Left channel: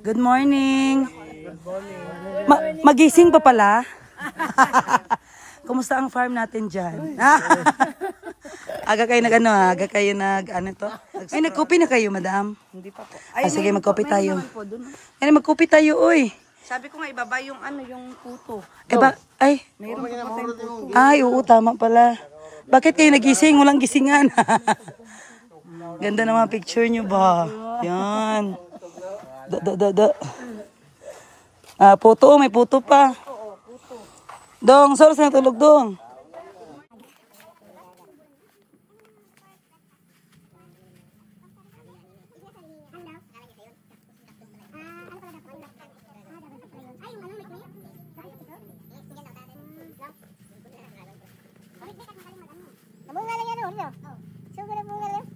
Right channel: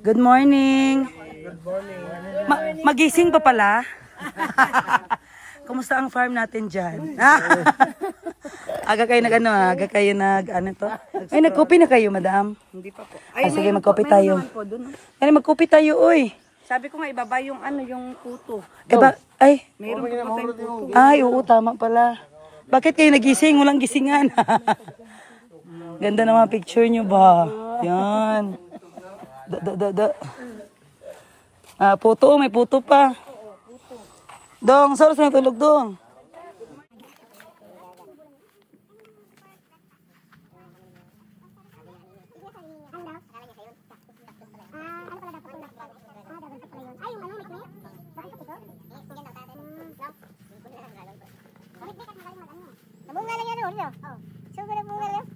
Good morning. Magising pa pala. Kumusta ang farm natin dyan? Aga kayo nag-ano to? Ay, nag-coffee na kayo, madam? Hindi pa po. Sige, mag-coffee tayo. Ay, mag-coffee tayo, uy. Sabi ko nga ibaba yung yung puto. Ay. Mayroon pa pa tayong puto. Ay, oo, tama pala. Bakit kayo nagising? Walang gisingan. Ganda naman picture nyo ba? Yan. Puto, may puto pa. Dong, saan sa natulog, Dong? Nabunga lang yan, Oreo. Sugo na bunga lang.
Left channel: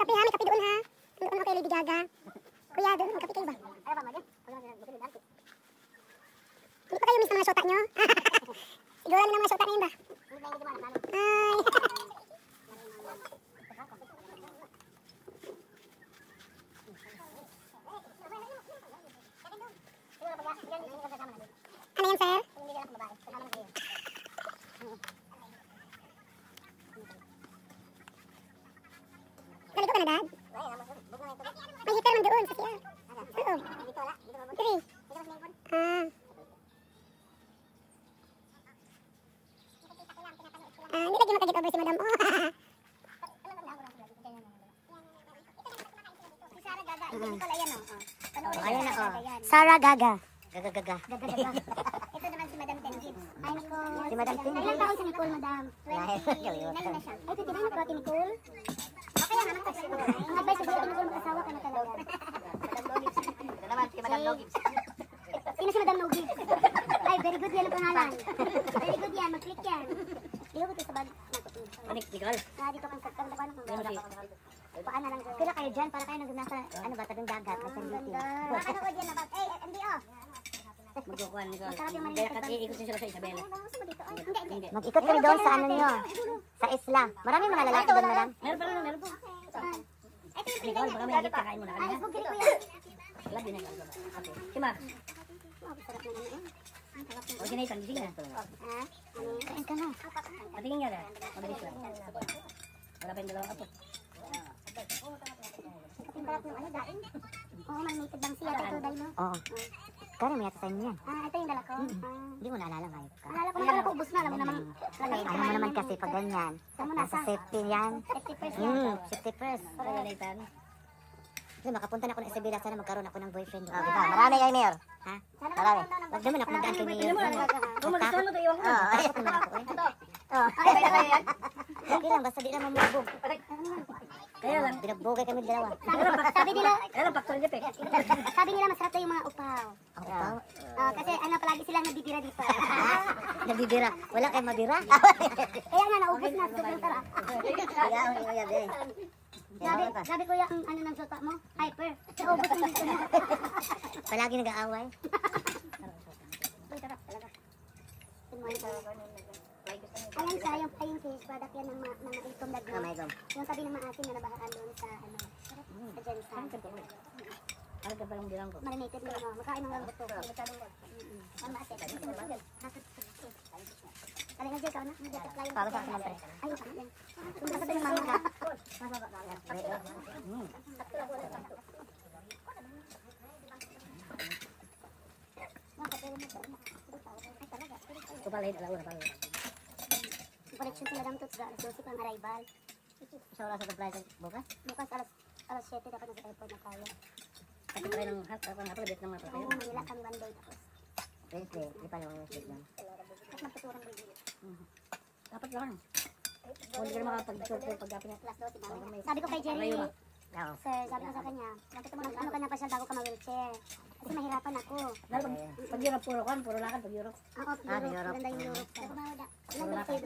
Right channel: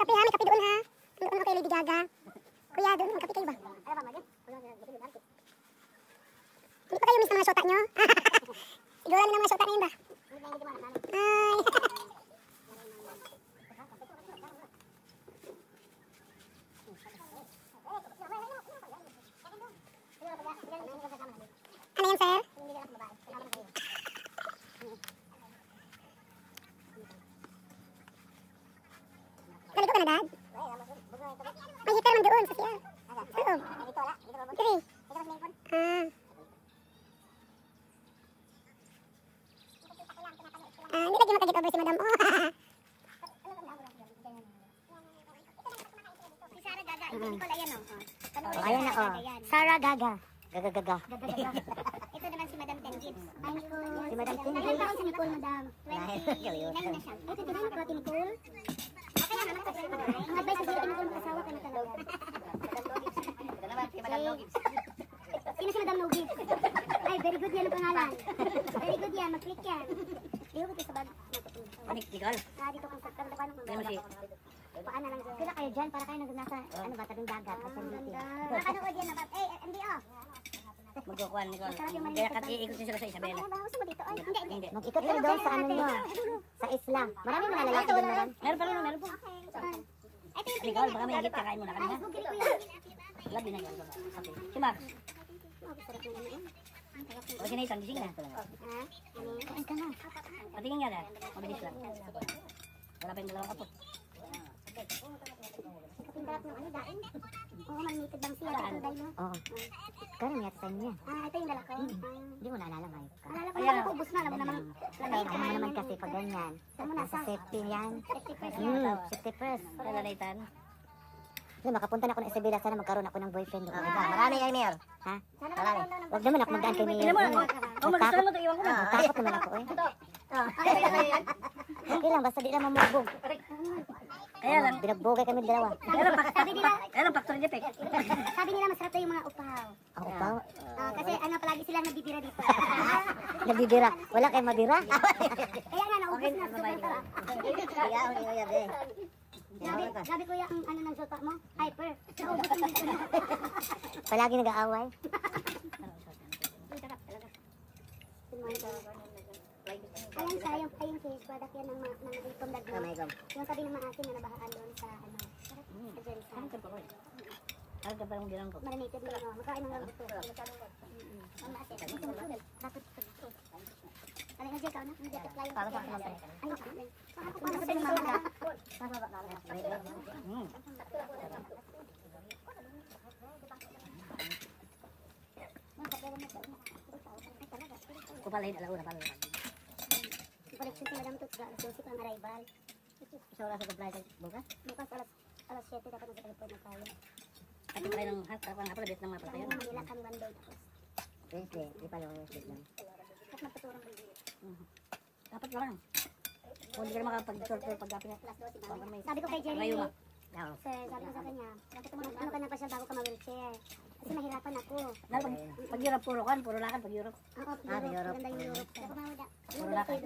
Kape ha, may kape doon ha. Doon ako kay Lady Gaga. Kuya, doon magkape kayo ba? Hindi pa kayo miss ng mga syota nyo? Siguro na mga syota na yun ba? Ay. Ano yan, sir? Naligo ka na, Dad? May heater man doon sa siya. Oo. Three. Hindi lagi makagit over si Madam. Si Sarah Gaga. Hindi ko lang yan, Sarah Gaga. Gaga. Ito naman si Madam Tengit. Si Madam Tengit. Ayun si Nicole, Madam. 29 na siya. Ito din ang protein Nicole. Kaya naman ito. Ang advice sa Nicole, mag-asawa ka na talaga. Ito naman si Madam Logis. Sino si Madam Logis? Ay, very good yan ang pangalan. Very good yan, mag-click yan. Dito ko ito sa bag. Nicole? Dito kang saktan na paano. Yan si... Paano lang dyan. Kila kayo dyan, para kayo nandun nasa, tabing dagat. Makanood yan na bag. MDO. Magkukuhan, Nicole. Kaya iikutin sila sa Isabela. Hindi. Mag-ikot kami doon sa ano nyo. Sa isla. Marami mo nalalaki doon, madam. Meron pa rin, meron pa. Nicole, baka may higit kakain mo na kami, ha? Labi na yun. Si Max. Okay na isang gising na. Patingin nga na. Mabilis lang. Wala pa yung dalawang apo. Kapindarat yung ano, daing. Oo, malinated lang siya. Oo. Parang may sa inyo yan. Ito yung dala ko. Hindi mo naalala ngayon ka. Naalala ko yung dala ko, ubus na. Alam mo naman. Ano naman kasi pag ganyan. Nasa safety yan. Safety first. Nalalaitan. Hindi, makapunta na ako ng Isabela. Sana magkaroon ako ng boyfriend. Marami kayo, Mayor. Ha? Huwag naman ako magdaan kay Mayor. Hindi mo lang. Kung mag-isal mo, iwan ko na. Takot naman ako eh. Okay lang, basta di naman mabog. Kaya lang. Binagbogay kami dalawa. Kaya lang, factory niya, Pek. Sabi nila masarap daw yung mga upaw. Upaw? Kasi palagi sila nabibira dito. Nabibira. Wala kayong mabira? Kaya nga, naubos na. Sabi ko yung ano ng syota mo? Hyper. Naubos na dito. Palagi nag-aaway. Uy, sarap talaga. Ayun siya, yung fish product yan ng mga itom na doon. Yung tabi ng maasin na nabaharan doon sa ano. Sa Jensa. Parang ka palang bilang ko. Marinated mo lang. Makain ng lalito. Ang maasin. Ito na sulit. Bakit ito? Ano nga dito? Ano? Hindi dito tayo. Para sa akin. Ayun sa akin. Kung sabi ng mga Kupalahin, alauna pala. koleksyon sila lang ito sa alas 12 ang arrival. Sa oras sa supply bukas? Bukas alas 7 dapat nasa airport na tayo. At ito ng hapon ng mga pala yun. Manila kami 1 day tapos. Wednesday, di pa yung statement. At magtuturang rin. Dapat lang. Kung hindi ka na makapag-short pag-gapi na. Sabi ko kay Jerry, Sir, sabi ko sa kanya, bakit mo ano ka na pa siya bago ka mag-wheelchair? Kasi mahirapan ako. Pag Europe, puro lakad pag Europe. Oo, Europe. Maganda yung Europe. Ako mawala. Puro lakad.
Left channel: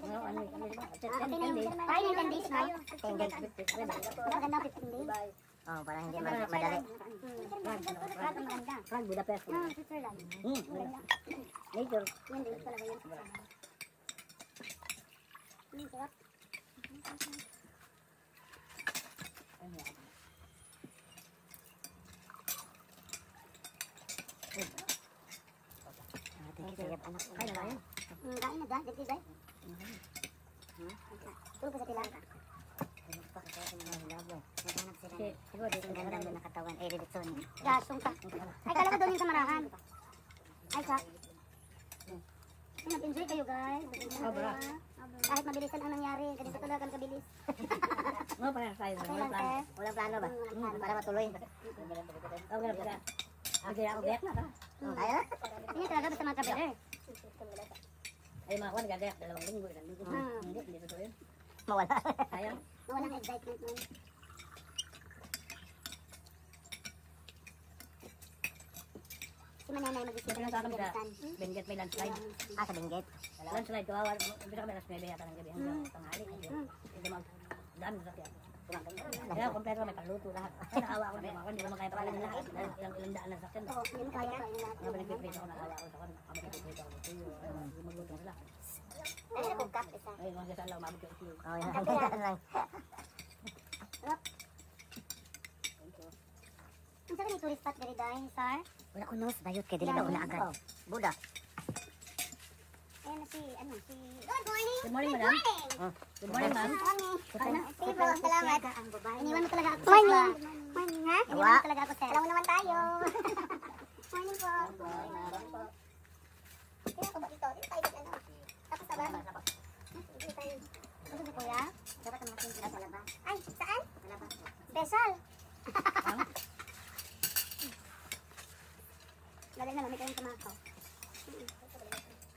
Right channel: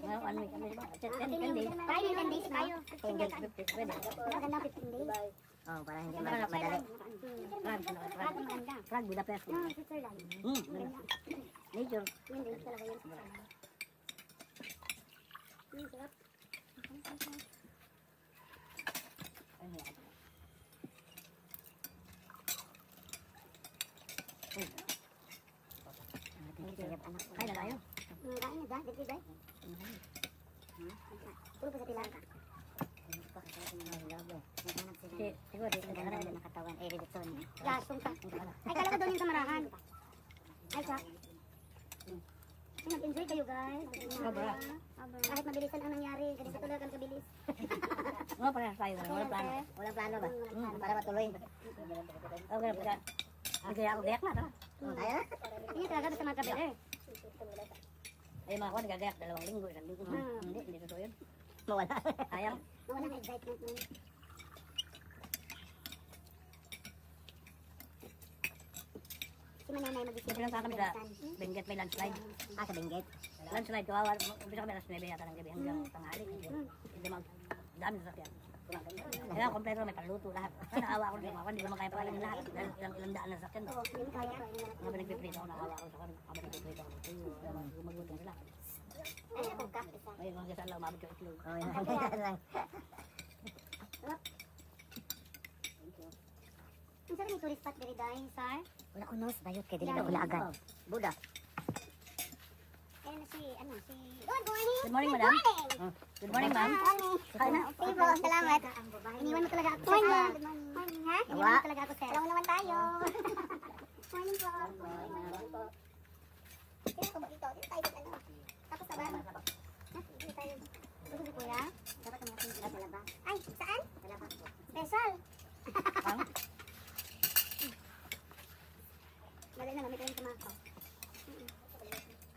Ngayon, ano ba? 10 days. Tayo, 10 days tayo. 10 days, 50. Maganda 15 days. Oh, para hindi madali. Prague ang maganda. Prague, Budapest. Switzerland. Nature. Yun din talaga yun. Sarap. Kaya na tayo. Kain na dyan, dito dyan. Tulog pa sa tilaka. Siguro, dito na Maganda na nakatawan. Eh, reditson. Lasong pa. Ay, kala ko doon yung kamarahan. Ay, sa. Nag-enjoy kayo, guys. Sobra. Kahit mabilisan ang nangyari, ganito talaga ang kabilis. Mga parehas tayo. Walang plano. Walang plano ba? Para matuloy. Okay, pagka. Gayak na, tara. Tayo? Hindi talaga basta mga kabeler. Ay, mga kuwan, gagayak 2 linggo, 1 linggo. Hindi totoo yun. Mawala. Sayang. Walang excitement nun. Si Mananay mag-isip. Pinunta kami sa Benguet, may landslide. Sa Benguet. Landslide, kawawa. Umpisa kami alas 9 yata ng gabi hanggang tanghali. Hindi dami sa sakyan. Kaya kompleto may paluto lahat. Kaya naawa ako ng mga hindi naman kaya pakainin lahat. Dahil ilang daan na sakyan. Oo, hindi mo kaya kainin natin. Mga pinagpiprito ako, naawa ako sa kan. Kapag nagpiprito ako dito, gumagutong sila. Ay, nabugka. Isa. Ay, mga sasal lang, umabot yung itlog. Ang sarap yung tourist spot dari dahil, sir. Wala ko nus. Dayot kay dili na wala agad. Buda. Ayan na si, ano, si... Good morning! Good morning, madam. Good morning, ma'am. Kain na. Table, salamat. Iniwan mo talaga ako, sir. Morning. Morning, ha? Iniwan mo talaga ako, sir. Alam naman tayo. Morning po. Sino ka ba dito? Dito tayo, ano? Tapos sa bahay. Dito tayo. Dito si kuya. Dapat ang mga pinto sa labas. Ay, saan? Sa labas po. Special. Lagay na, lamit kayo sa mga ko.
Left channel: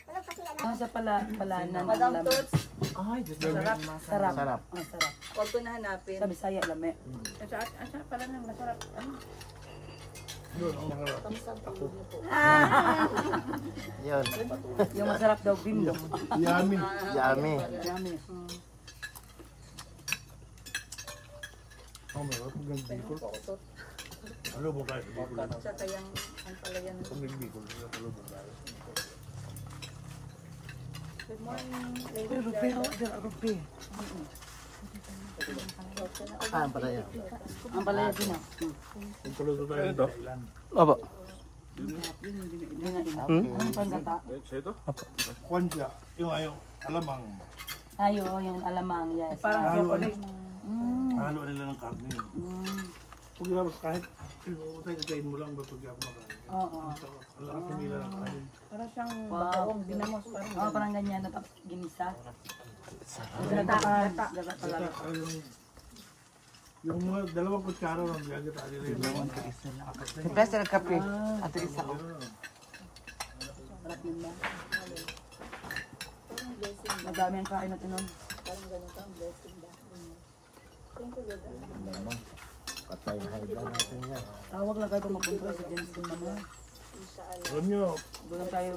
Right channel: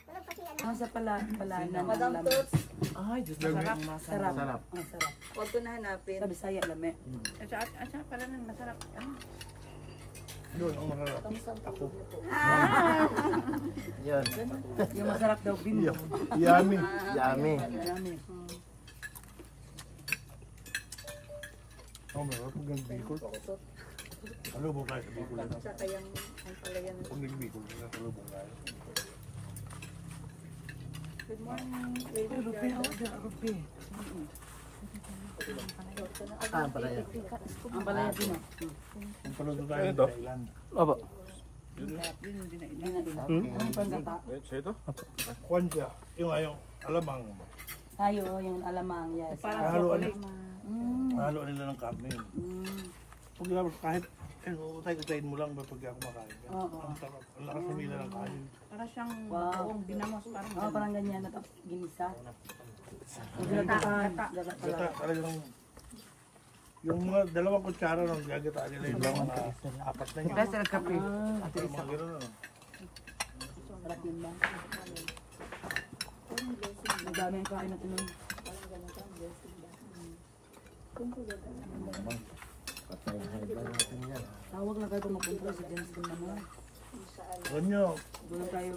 Tulog kasi, ano? Sa pala ng Madam lamig. Toots. Ay, Diyos ko. Sarap. Sarap. Masarap. Huwag ko na hanapin. Sa Bisaya, lame. Asa pala nang masarap. Ano? Yun, ang mga ako. Yun. Yung masarap daw, bimbo. Yummy. Yummy. Lame. Oh, meron pag nagbikol. Ano ba tayo sa Bicol? Saka yung palayan. Pag nagbikol, nasalubong tayo. Good morning. Rupi. Ah, pala yan. Ang palaya din ah. Kung paluto tayo ng dinailan. Opo. Ang pangata. Kwan siya, yung ayong alamang. Ayo, yung alamang, yes. Parang Halo, chocolate. halo nila ng karne. Pag yapos kahit, tayo mo lang ba pag ako makain. Oo. Ang sarap, ang lakas sumila ng kanin. Para siyang bagoong binamos. Parang Ako parang ganyan, tapos ginisa. gata. Gata, talagang, yung mga 2 kutsara ng gagata nila yung mga 4 na yun. Best ng kape. Mga gano'n ano. Sarap yun lang. Madami ang kain natin nun. Patay na haligang natin yan. Tawag lang kayo itong magpunta sa James Bond naman. Alam nyo, Doon tayo.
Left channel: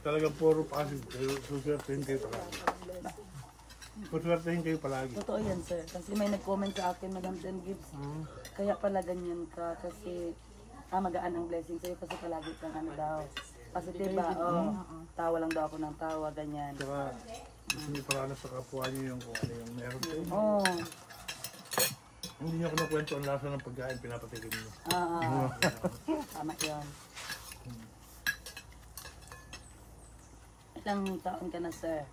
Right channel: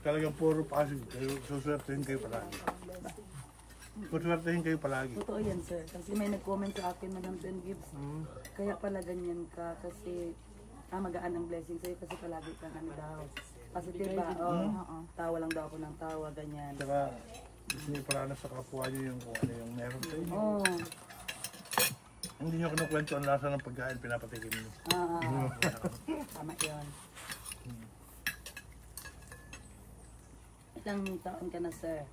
talagang puro positive kayo, suswertehin kayo palagi. Suswertehin kayo palagi. Totoo yan, sir. Kasi may nag-comment sa akin, Madam Jen Gibbs. Kaya pala ganyan ka kasi magaan ang blessing sa'yo kasi palagi kang ano daw. Positive ba? Oo. Tawa lang daw ako ng tawa, ganyan. Saka gusto nyo paranas sa kapwa nyo yung kung ano yung meron sa inyo. Oo. Hindi nyo kinukwento ang lasa ng pagkain, pinapatikin nyo. Tama yun. Ilang taon ka na, sir?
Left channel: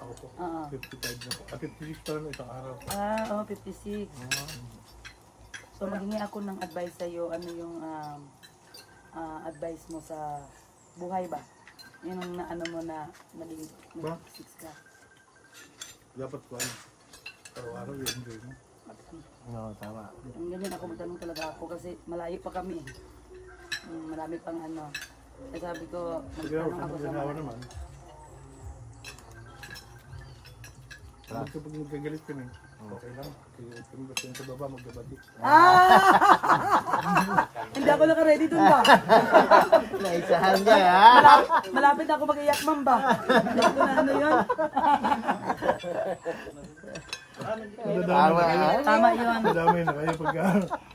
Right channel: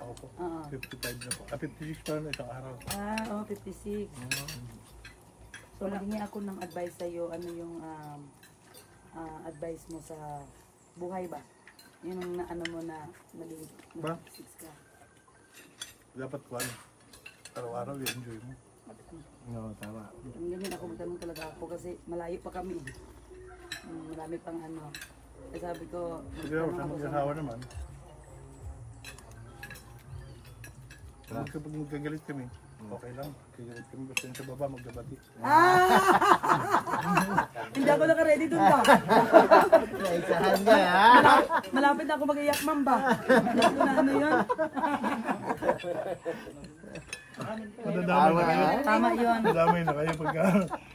Ako po, Oo. 55 na po. 56 pa na isang araw. 56. So, maghingi ako ng advice sa'yo. Ano yung advice mo sa buhay ba? Yung na, ano mo na maging Ba? 56 ka. Dapat kwan, araw-araw i-enjoy mo. Oo, tama. Yung ganyan ako magtanong talaga ako kasi malayo pa kami. Marami pang ano. Kaya sabi ko, Pag ako sa mag-asawa naman, Basta pag magkagalit kami, okay lang. Magkagalit kami, basta yung sa baba, magkabati. Hindi ako naka-ready dun ba? Naisahan niya, ha? Malapit ako mag-iyak, ma'am ba? Hindi ko na ano yun. Nadadamay na kayo. Tama yun. Nadadamay na kayo pagka...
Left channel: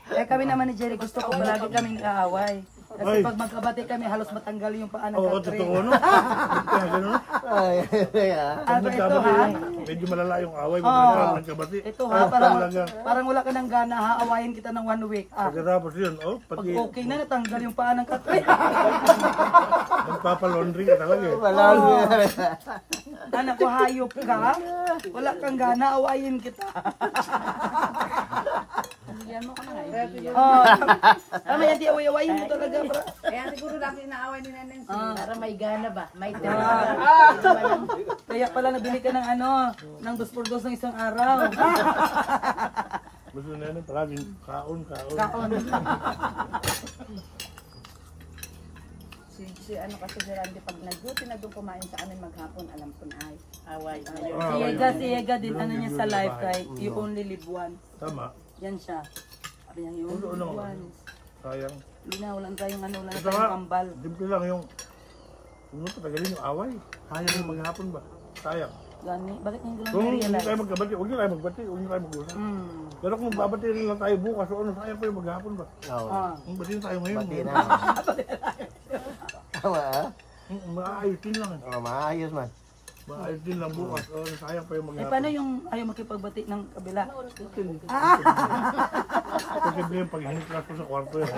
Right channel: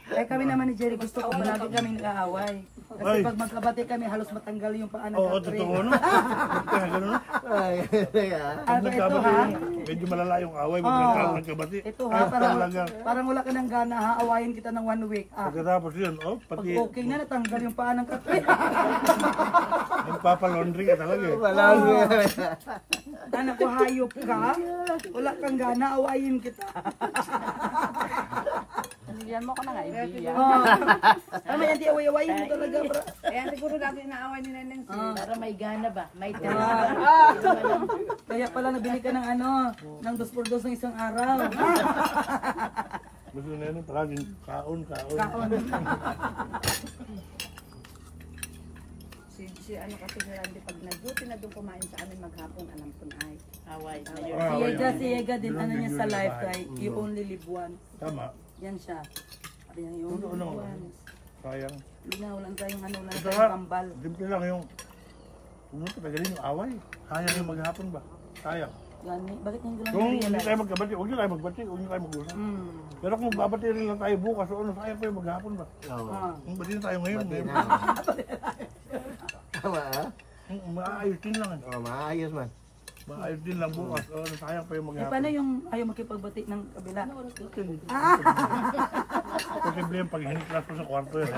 Kami naman ni Jerry, gusto ko lagi kami nag-aaway. Kasi Ay. pag magkabati kami, halos matanggal yung paa ng Oo, kapre. totoo, no? Kaya gano'n, no? Pag nagkabati yung, medyo malala yung away, pag nagkabati. Ito Ay, ha, parang, talaga. parang wala ka ng gana, haawayin kita ng 1 week. Pagkatapos yun, Pag pati okay na, natanggal yung paa ng kapre. nagpapalaundry ka talaga eh. Anak ko, hayop ka. Wala kang gana, awayin kita. Yan mo ka na nga. Oh, tama yan, di away-awayin mo talaga. Bro. Kaya siguro dati inaaway ni Nancy. Para may gana ba? May Kaya pala nabili ka ng ano, ng 2x2 ng isang araw. Gusto na yun, palaging kaon. Kaon. Si ano kasi si Randy pag nag-duty na doon kumain sa amin maghapon, alam ko na ay away. Si Yega din, ano niya sa life, kahit you only live once. Tama. Yan siya. Ayan, you only Totoo live naman. once. Sayang. Hindi na, walang kayong ano, walang Ito nga, kayong kambal. simple lang yung... Kung patagalin yung away, sayang yung maghapon ba? Sayang. Gani, bakit hindi lang Kung hindi na-realize? tayo magkabati, huwag nyo tayo magbati, huwag nyo tayo mag-usap. Pero kung magbabati rin lang tayo bukas, o ano, sayang pa yung maghapon ba? Ah. Kung bati na tayo ngayon, ngayon. Tama, ha? Maayos din lang. Oh, maayos man. Maayos din lang bukas, o ano, sayang pa yung Eh, maghapon. paano yung ayaw makipagbati ng kabila? Posible yung pag-hiniklas ko sa kwarto yan.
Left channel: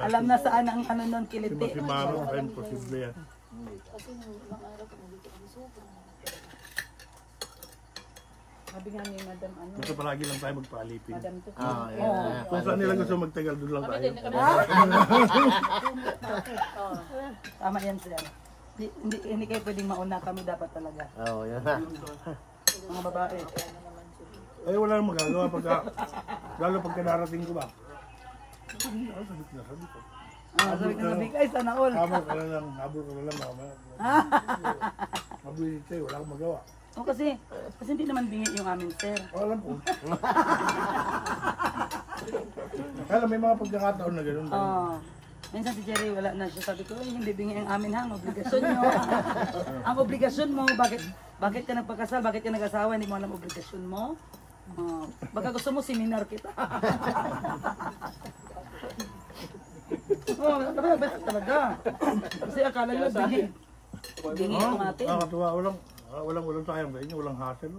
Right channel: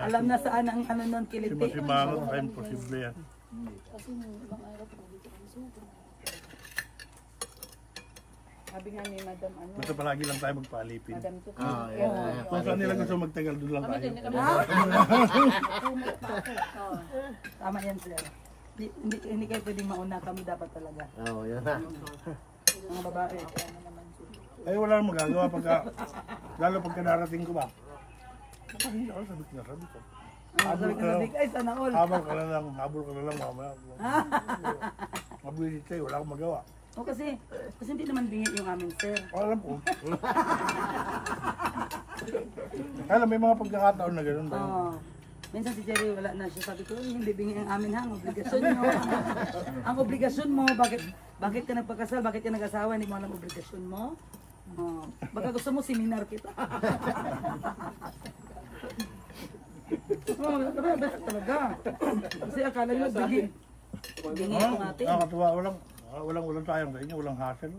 Alam na saan ang ano ng Si kiliti. Masimano, tayo posible yan. Sabi nga ni Madam ano, Basta palagi lang tayo magpaalipin. Madam to. Kung saan nila gusto magtagal, doon lang tayo. Tama yan sila. Hindi kayo pwedeng mauna, kami dapat talaga. Oo, yan na. Mga babae. Eh wala nang magagawa pagka, lalo pagka darating ko ba? Sabi ko. Ay, sana all. Habol ka na lang mamaya. Mabilis kayo, wala akong magawa. O kasi hindi naman bingi yung amin, sir. Alam ko. Alam, may mga pagkakataon na gano'n tayo. Minsan si Jerry wala na siya. Sabi ko, hindi bingi ang amin ha, ang obligasyon mo. Ang obligasyon mo, bakit ka nagpakasal, bakit ka nag-asawa, hindi mo alam obligasyon mo? Baka gusto mo seminar kita. Talaga. Kasi akala nyo, bingi ang atin. Nakakatuwa, walang sayang sa inyo, walang hassle.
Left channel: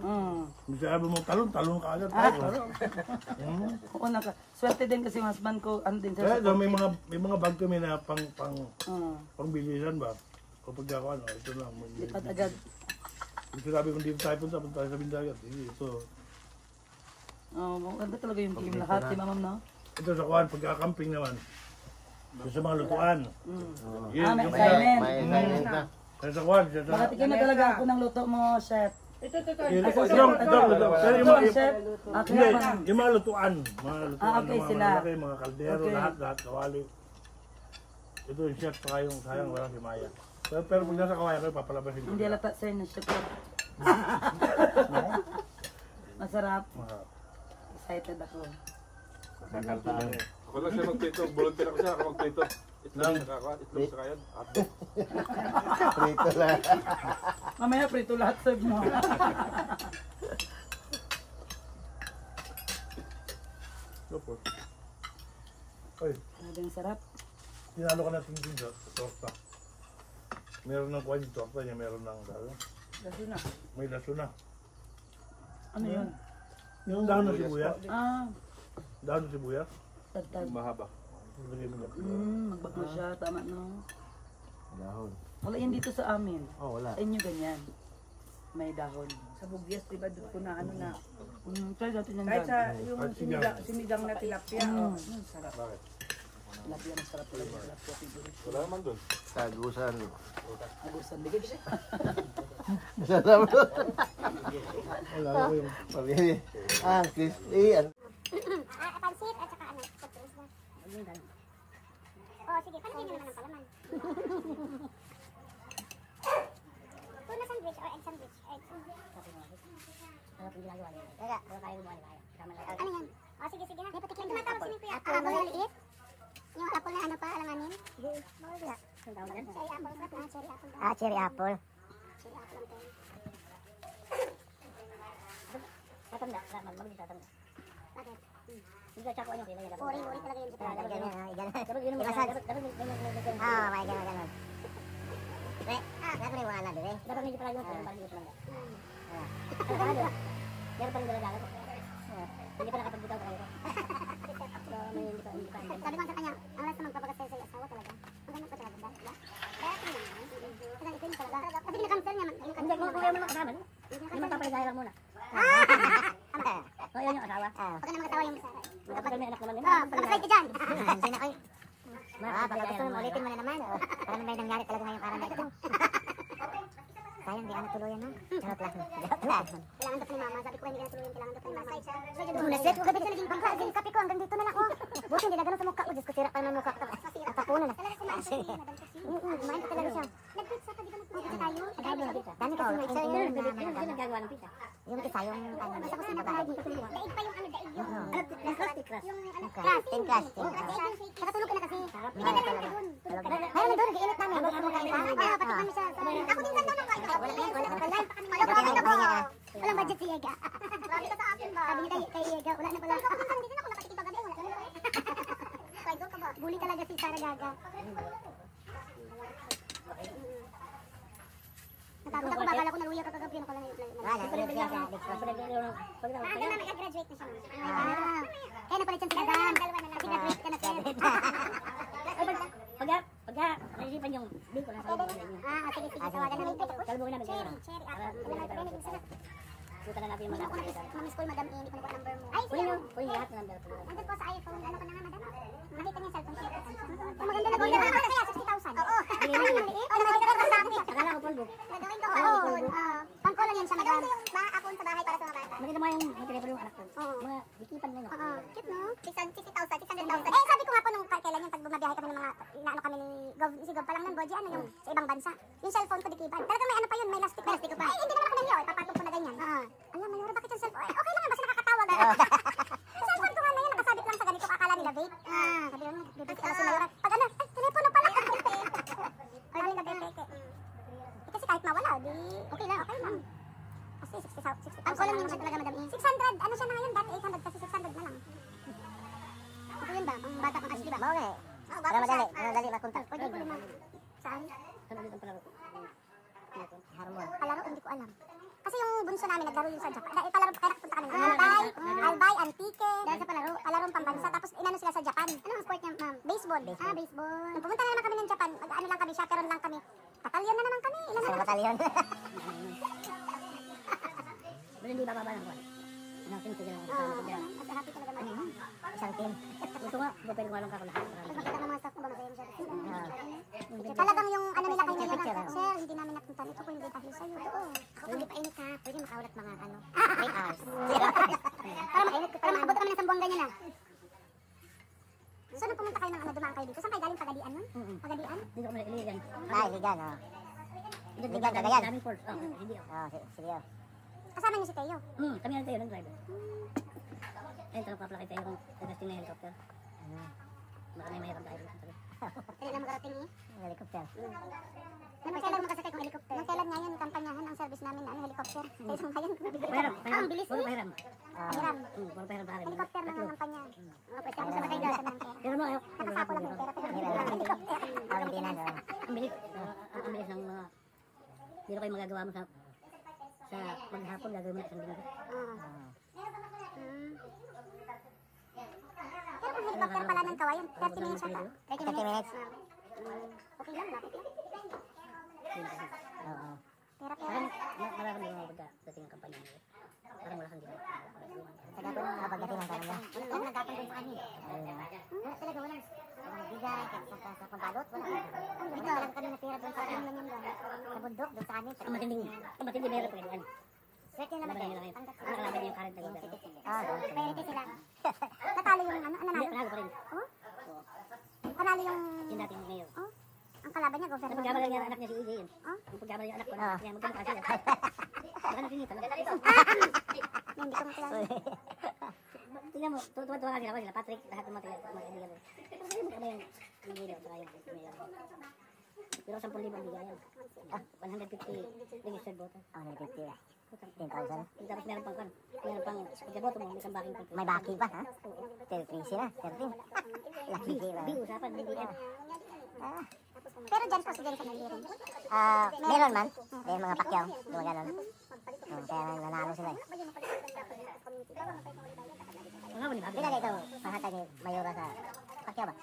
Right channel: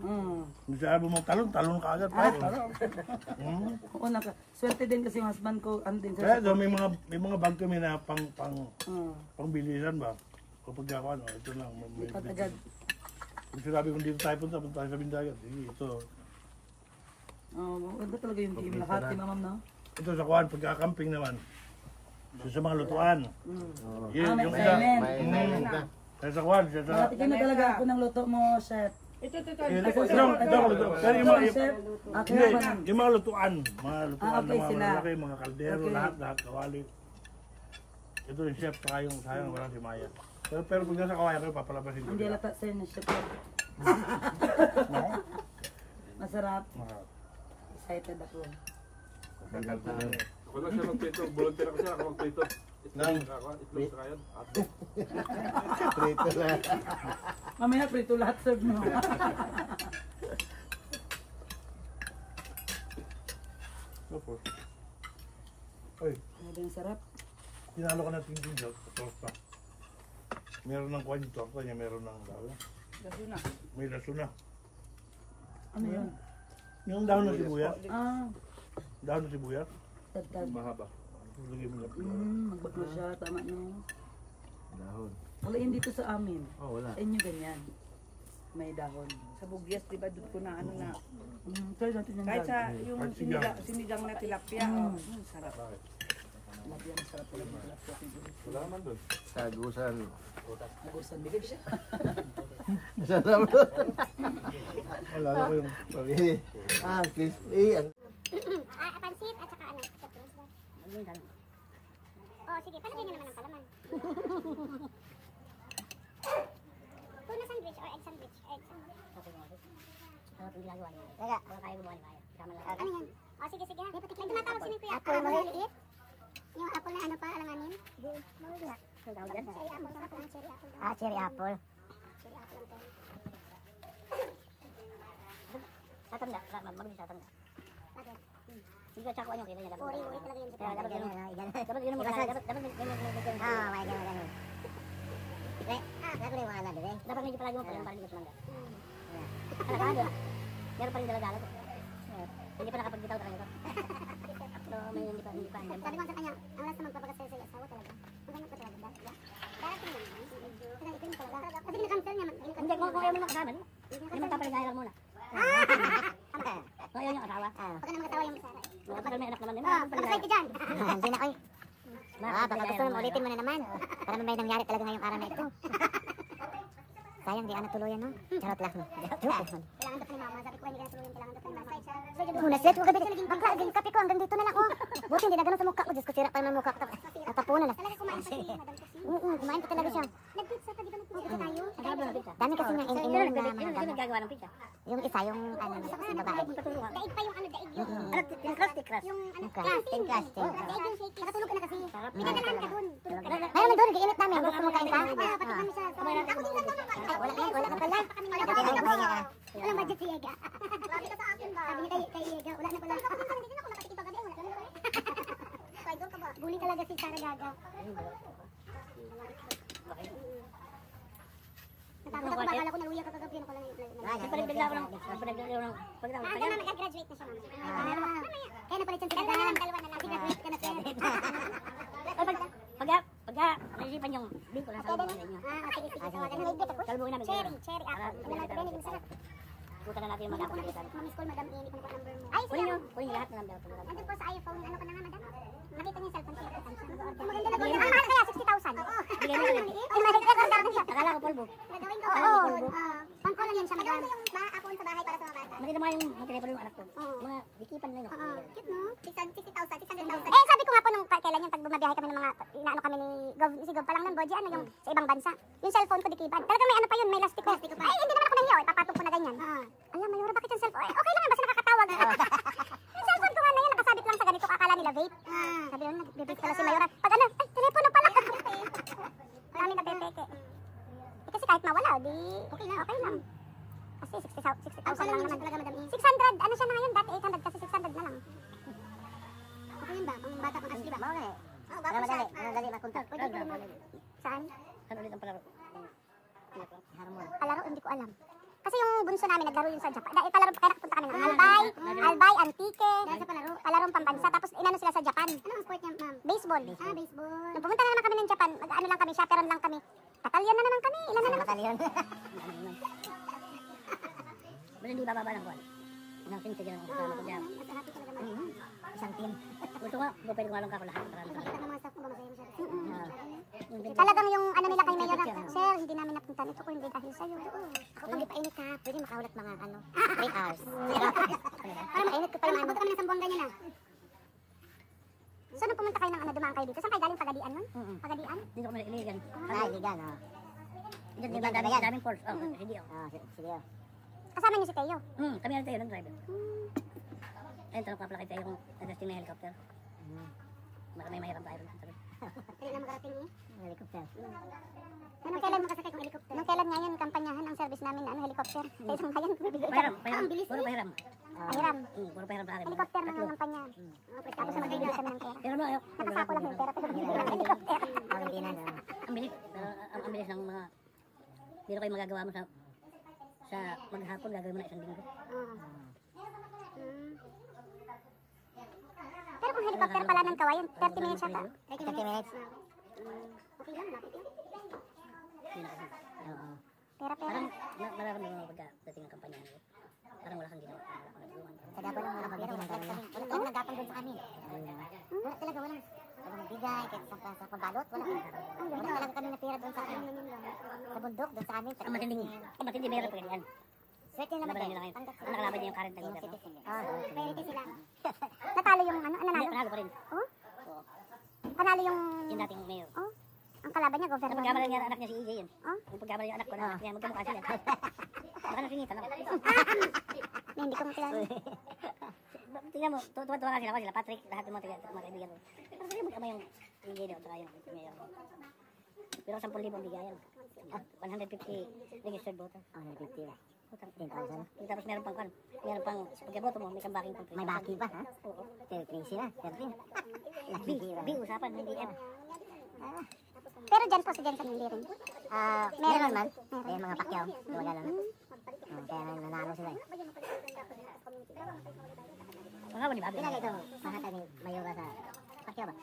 Hindi sabi mo, talon ka agad. Oo, swerte din kasi yung husband ko, ano din Kaya siya. may mga bag kami na pangbilisan ba? Kapag ako, ito lang. At agad. Kung sinabi kong dito tayo punta tayo sa Bindagat. Ito. Maganda talaga yung team lahat, si mamam, no? Ito sa kuhan, pagkakamping naman. Ito sa mga lutuan. Yun, May yung isa. silent. Sa kuhan, sa... Nakatikin na talaga ako ng luto mo, chef. Ito, luto. Pero yung mga... Chef, Hindi, yung mga lutuan. Mga lutuan okay, na mga sila. malalaki, mga kaldero, Okay. lahat, kawali. Ito yung chef, saka yung sayang, wala si Maya. Pero pag nasa kawaya ko, papalabasin ko. Hindi lata sir na chef. No? Masarap. Masarap. Excited ako. Wala siya magprito. Volunteer ako siya. Ako magprito. Nang? Prito lang. Mamaya prito lahat sir mo. Tapos. Ay, Ano ba yung sarap? tinalo ka natin din sa torta. Meron ng kuhan yung torta niya, meron ng dahon. Kasi na. May laso na. Ano yun? Yung dahon ng sibuyas. Ah, Dahon ng sibuyas. tagtag. Mahaba. Lagay mo niya. Magbak na siya, tama no. Dahon. Wala yun dito sa amin. Oh, wala. Sa inyo ganyan. May dahon. Sa bugyas, di ba, doon ko na ano na. Try natin yung Kahit dahon. sa yung Kahit sigang. sinigang na tilapia, oh, yun, sarap. Tilapia, masarap talaga yung tilapia, siguro. Wala naman doon. Tagusan. Agusan, bigay siya. Masarap. Alala ko yung... Pamili. Crispy. Pansit at saka ano, Oh, sige, palagyan nyo naman ng palaman. Tuna sandwich or egg sandwich? Egg sandwich. Ano yung ginagawa niya? Kaya, baka kaya gumawa ni Maya. Kasama lang. Ano yan? O, sige, sige ha. May tumatawag si Kuya. Apple mo liit? Yung apple na ano pa, alanganin? Hindi. Ang tawag dyan? Cherry apple pa. Cherry apple. Cherry apple. Cherry apple ang tayo. Tatanda. Mabilis tatanda. Bakit? Hindi ka tsakuan yung kailangan. Uri talaga yun. Kaya dapat ganun. Dapat ganun mo kaya. Dapat may ganun. May ganun. Dapat rin wala din eh. Dapat medyo palagi mo para hindi ka tumanda. Alakala diba? Meron pa rin dala-dala ko. Hindi pa nakapagbitaw talaga ito. So may hindi pa andyan. Sabi ko sa kanya, ang lasa magpapakasal sa asawa talaga. Ang gamot pa talaga ba? Darating lang yan. Kaya ito yung talaga. Kasi kinakansel niya. Hindi, kung ayaw mo naman kasama, hindi magpapaligaya lang muna. Kung ayaw niyo asawa. Pagka naman kasawa yung Sara. Matagal may anak naman, hindi Pagkasal magpapaligaya. ka dyan. Hindi na kayo. Magpapaligaya lang muna. Ulitin mo na naman. Para may nangyari talaga ngayong araw na ito. Sayang, di anak tuluyan na. Charot lang. Kailangan dapat ni mama. Sabi ko, hindi ka natulungan. Kailangan dapat ni mama. Muna, set. Huwag gabi ka naging bangka. Naging kape ko. Hanggang dito na lang. Buti, hindi na ganun sa mukha ko. Diyos ko, sira pa ng mukha ko. Tatapunan na. Talaga kumain pa si Madam Cassie. Kumain pa talaga siya. Nag-pizza pa, di ba nag-pizza tayo? Magkano na pizza? Dami kasi yung Sino nagagawa ng pizza? yung isa yung Daig pa yung ano, daig yung... Yung crusty crust. Yung ano, Crusting. daig yung shaky. Nakatulog ka na kasi. Sarap. Pinadalahan ka dun. Tulog ka na. Mayroon doon, giinit namin. Habang ano tayo Pati kami sa... Ako din lang naman. Live pa kami ngayon. Walang budget si Yega. Sabi ka sa akin ba? Sabi niya kay Yega, wala na pala. Ako minsan hindi na ako nakatikipa gabi. Wala na pala. Kaya doon ka ba? Bully talaga si Sara Gaga. Natapos ako, bakala ko naluya ka kagabi. Ano ko lang Pinagpinagla ko ng pagkatawag. Hanggang na nag-graduate na siya, mama. Kaya napalit siya sa dalawa na lang. Graduate ka na siya. Pagka naisipan yung biko na salubungin ninyo. Sige, sige. Tawagan na rin. Salubungin namin kayo. Cherry Para apple. sabihin natin ang pizza. Puta na natin yung mga kapatid. Mamiss ko yung Madam Amy. Kunin ko number mo. Ay, Kunin nyo. Kunin lahat ng number. nandun po sa iPhone. Ano ko na nga, madam? Nakita niya yung cellphone ko. Maganda na gawin. Ano kaya? 60,000? Oo. Bigyan mo na. Akala ko polvo. Gagawin ko. Akala ko polvo. Pangko lang yan siya, madam. Mga kapon sa bahay para sa mga bata. Nakita mo yung telepono yung anak ko. Mga dikipan na yun. Cute, no? 60,000, 600,000. Eh, sabi ko nga po nung kailan yung pag bumabiyahe kami ng mga, inaano kami ni Gov, si Gov pa lang ng Boji, ano yung sa ibang bansa. Yung cellphone ko dikipan. Talaga may ano pa yun, may lastik pa pa. Eh, hindi naman ako nahiya, ipapatong ko na ganyan. Alam mo, Mayora, bakit yung cellphone? Okay lang, basta nakakatawag. Yung cellphone ko nga na yun, nakasabit lang sa ganito, akala nila vape. Sabi lang, vape pala si Mayora. Pag ano, ay, telepono pala. Marami ka peke. Kasi kahit mawala, di okay lang. Kasi 60,000. Ang lang yun talaga, madam. 600, ano siya na ngayon? Dati 800 kasi 600 na lang. Ako yun ba? Ang bata pang kasi, di ba? Okay. Oo, bata siya. Madali mapunta. Saan? Saan ulit ang palaro? Harmon. Palaro, hindi ko alam. Kasi yung bunso namin, naglaro yun sa Japan. Dahil palaro, kaya nakapunta kami. Albay, Antique. Dahil sa palaro, palarong pambansa. Tapos inano sila sa Japan. Ano ang sport niya, ma'am? Baseball. Baseball. Nung pumunta na naman kami ng Japan, ano lang kami, chaperon lang kami. Batalyon na naman kami. Ilan na naman? Batalyon. Pero hindi bababa lang ko. Ang team sige lang ako kasama ko dyan. At happy talaga naman. Isang team. Gusto nga, pwede ko malong ka ko lahat. Nakikita ko mga staff ko ba masaya siya. Talagang yung ano nila kay Mayor na, Sir, hindi namin napunta nito ko hindi dahil sa'yo. Oo. Ako mainit ka, pwede makaulat mga 8 hours. Para mainit ka. Para makabot kami ng isang buwang ganyan na. Saan pumunta kayo ng ano, dumaan kayo dito? Saan kayo galing? Pagadian nun? Pagadian? Dito kami iligan. Ligan, oh. Di ba daming force? Hindi ako. Sige. Kasama niyo si Teo. Kami ang tayo ng driver. Ayun, tanong ka pala kay tayo kung nag-testing na helicopter. Baka may mahirap driver. Kailan lang magarating eh? Helicopter. Naman kailan makasakay kong helicopter? Nung kailan ngayon, kampanyahan ang service namin na helicopter. Kaya sa ngayon, Pahiram. Ang bilis Puro eh. pahiram. Pahiram. Puro pahiram sa akin. Helicopter naman Tatlo. ang kampanya. Tapos sa nagkaibigan ng kaya. Pero no, ayaw. Napasako lang yung pera ko. Helicopter. Valentina, Ang bilis. Pero ang bilis ng mga... Biro kayo magagawa mo sa maghapon, gagawin mo na isang linggo. Pero kung helicopter pala ng kawayan, 30 minutes ata. 30 minutes. Okay lang, lapit lang. Oo. Pero Parang mararamdaman mo pagdating ng kampanya nila. Parang wala kang ginawa. Wala kang nagulungan. Kaya po, mapagdating ng kanila. Yung nagkakang doon sa amin. Talaga wala. Walang magbigay, kahit sa pagbalot, wala kang Ikaw, kami natira doon sa amin. sa bundok, doon sa amin. Ang matindi mayroon pa ganyan. Swerte na Laban nila ngayon. Ang nakalaban niya yung current na gobyerno. Priority sila. Natalo yung ano, Hindi, panalo pa rin. Panalo yung... Yung dating mayor. Oh, ang kalaban niya, governor. Sa pagkamalan niya, anak niya si EJ yun. Yung pagkamalan niya anak ko, anak niya, magkamukha sila. Baka nasingitan ako. Hindi ko makilala. Tingnan mo, tuwa-tuwa nga sila, Patrick, lahat ng mga kaibigan ko. Pero sabi mo kama yung EJ daw, saka yung mayor. Pero 10,000 ang bigayan. 150 registered voter. 150. 10,000. Tapos meron pang pagkaboto mo, may isang backing pang 3,000. May backing pa, ha? 13 sila, 13. B usapan, hindi F. Pero dyan po si Jensen hindi rin. Meron man. May mga pakyaw. Mga ganun. Kaya nanalo sila. Mga ba ni Bobby? Kailan itong nahatag ni Mayora sa pakyaw ba?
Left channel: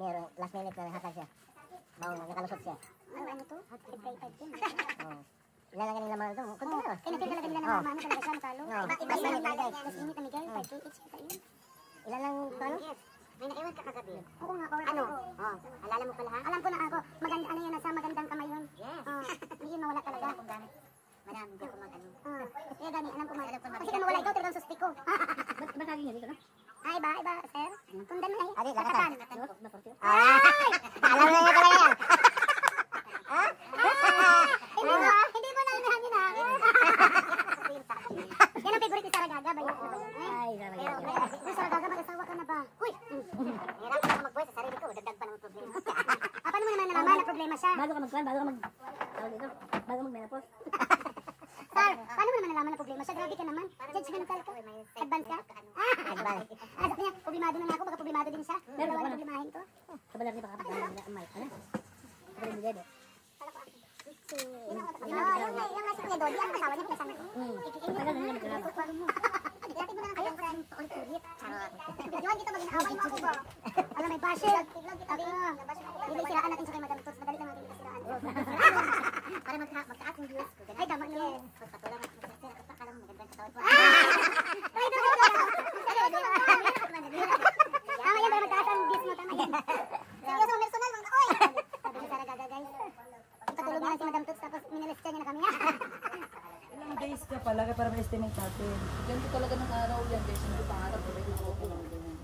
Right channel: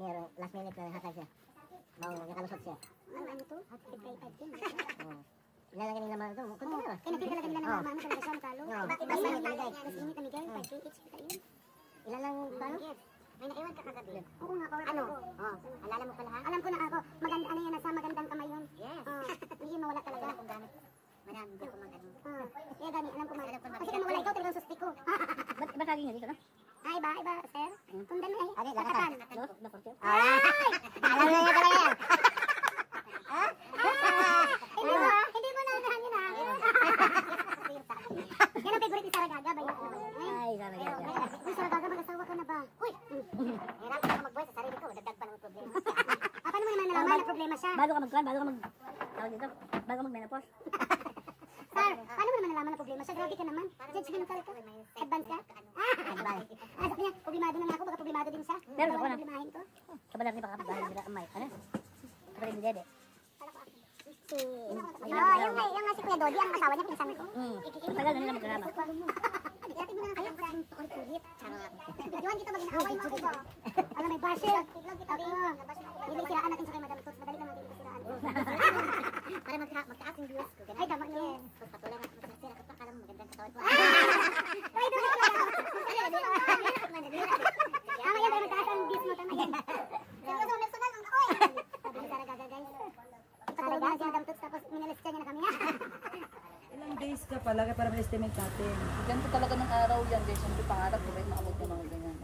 Meron, last minute na nahatag siya. Nakalusot siya. Ano to? Excited din. Ilan lang kanila mga ito. Kunti na ba? Nakita lang kanila na mama talaga siya natalo. Iba sa Miguel. Mas init na Miguel. 5K each kita yun. Ilan lang paano? May naiwan ka kagabi. Oo nga. Ano? Alala mo pala ha? Alam ko na ako. Maganda, ano yun, nasa magandang kamay yun. Yes. Hindi yun mawala talaga. Madam, hindi ako mag-ano. Kaya gani, alam ko kasi ka mawala ikaw, talagang susti ko. Ba't saging niya dito, no? Ay, iba, sir. Kung dami eh. Adi, lakatan. Na 40? Alam na niya talaga yan. Hindi mo na hangin ha. Yan ang favorite ni Saragaga ba yun? Ay, Saragaga. Uy, Saragaga, mag-asawa ka na ba? Uy! Hirap ako mag-buhay sa sarili ko. Dagdag pa ng problema. Paano mo naman nalaman na problema siya? Bago ka tawag dito, bago mag-menopause. Sir, paano mo naman nalaman na problema siya? Grabe ka naman. Judgmental ka. Advance ka? Sabi niya, problemado na ako, baka problemado din siya. Pero ako na. Problemahin ko. Kabalar niya baka bahay nila ang mic. Ano? Kapatid ni Dede. Yung nasa niya, Dodi, ang asawa niya, pinasama ko. Tagal na nila magkarama. Dati mo na kayang maraming paulit-ulit. Videoan dito mag-inaaway mo ako ba? Alam, may basher. Hindi silaan natin siya kay Madam Tots. Madali lang natin silaan. Para magtaas yung views ko. Ay, tama niyo. Patulang ako sa sir. Kapag alam mo magandang katawan ko. Ay, doon ka. Mamaya ba magtaas ang views mo? Tama yan. Seryoso, personal mga oy. Sabi ni Saragaga, guys. Patulog na lang si Madam Tots tapos minalistya niya na kami. Ilang days ka pala para ma-estimate natin. Ganito talaga ng araw yan guys. Hindi pangarap ulit na ako lang ganyan.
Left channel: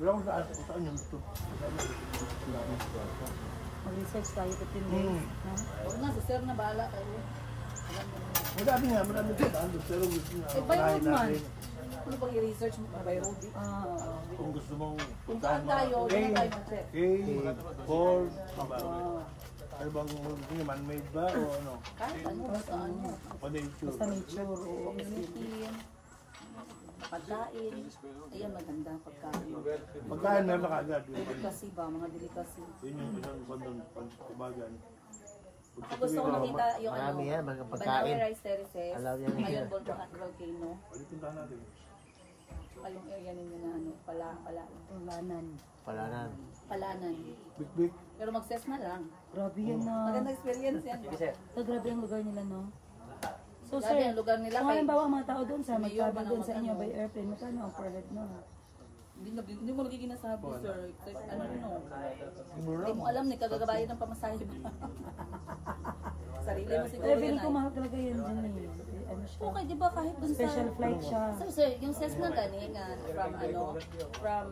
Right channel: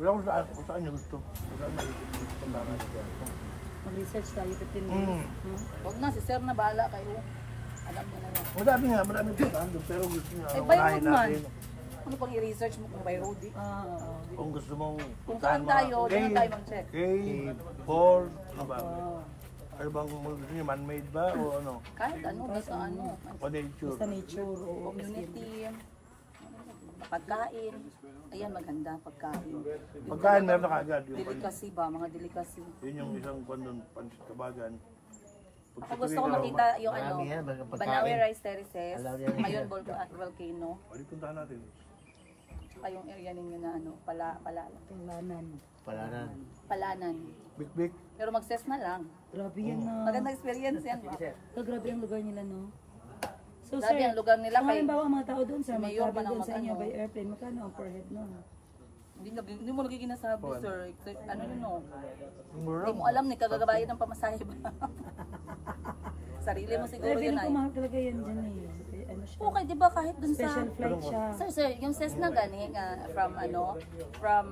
Wala ko saan yung gusto. Mag-research tayo 15 days. No? Huwag na, si sir na bahala kayo. Alam mo na. Marami nga, marami ko saan. Pero gusto nga. Eh, by road man. Ano pang i-research mo kung by road? Kung gusto mong... Kung saan tayo, doon na tayo mag-check. K4, diba? Ano bang gusto niyo, man-made ba o ano? Kahit ano, basta ano. O nature? Basta nature o community. Pagkain. Ayan, maganda ang pagkain. Pagkain meron na kaagad. Delicacy ba? Mga delicacy. Yun yung isang kwandong kabagan. Ako gusto ko makita yung ano, Marami yan, mga pagkain. Banawe Rice Terraces, Alam yan. Mayon Volcano, Pwede puntahan natin. saka yung area ninyo na ano, Palanan. Big. Pero mag-ses na lang. Grabe yan na. Maganda experience yan ba? So, grabe ang lugar nila, no? So, Grabe sir, ang lugar nila kung kay halimbawa ang mga tao doon sa Mayor pa mag-travel ng doon sa inyo mag-ano. by airplane, magkano ang per head no? Hindi mo lagi ginasabi, sir. Ano no? Hindi mo alam ni kagagabayan ng pamasahe ba? Sarili mo siguro Pero feeling yan ko ay. mahal talaga yan dyan eh. Ano siya? Okay, di ba kahit dun sa... Special flight siya. Sir, yung Cessna gani nga from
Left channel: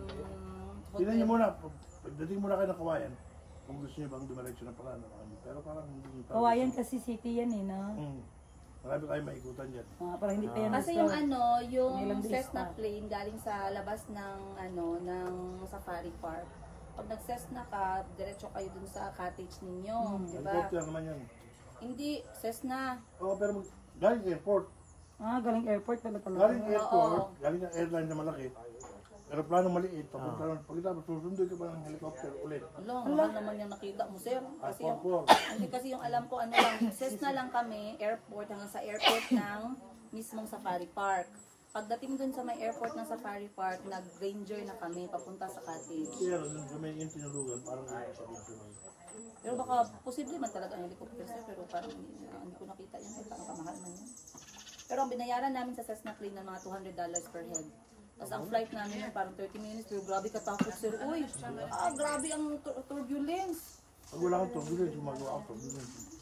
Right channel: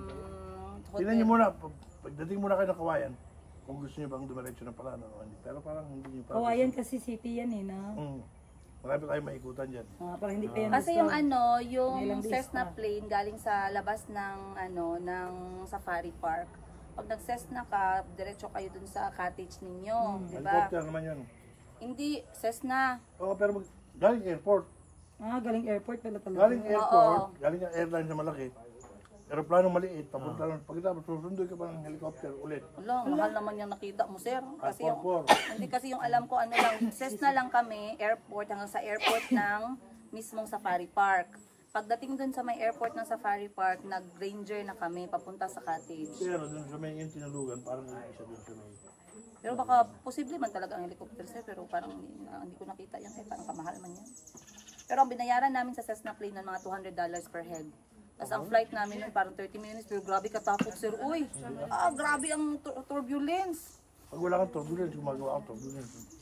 Tingnan niyo muna, pagdating muna kayo ng Kawayan, kung gusto niyo bang dumiretso na pala. Pero parang hindi niyo pa. Kawayan kasi city yan eh, na. Marami tayo maikutan dyan. Para hindi tayo Kasi yung ano, yung Ilang days Cessna pa. plane galing sa labas ng ng Safari Park. Pag nag-Cessna ka, diretso kayo dun sa cottage ninyo, di ba? Helicopter naman yun. Hindi, Cessna. Oo, pero galing airport. Galing airport pala talaga. Galing airport, galing ang airline na malaki. Aeroplano maliit, papunta lang. Pagkatapos, susunod ka pa ng helicopter ulit. Alam, mahal naman yung nakita mo, sir. Kasi yung, hindi kasi yung alam ko, ano lang, Cessna lang kami, airport, hanggang sa airport ng mismong Safari Park. Pagdating dun sa may airport ng Safari Park, nag-ranger na kami, papunta sa cottage. Kaya dun sa may tinalugan, parang isa din sa may... Pero baka posible man talaga ang helicopter, sir, pero parang hindi ko nakita yan, kaya parang kamahal man yan. Pero ang binayaran namin sa Cessna plane ng mga $200 per head. Tapos ang flight namin parang 30 minutes, pero grabe katakot, sir. Uy, grabe ang turbulence. Pag wala kang turbulence, gumagawa ang turbulence.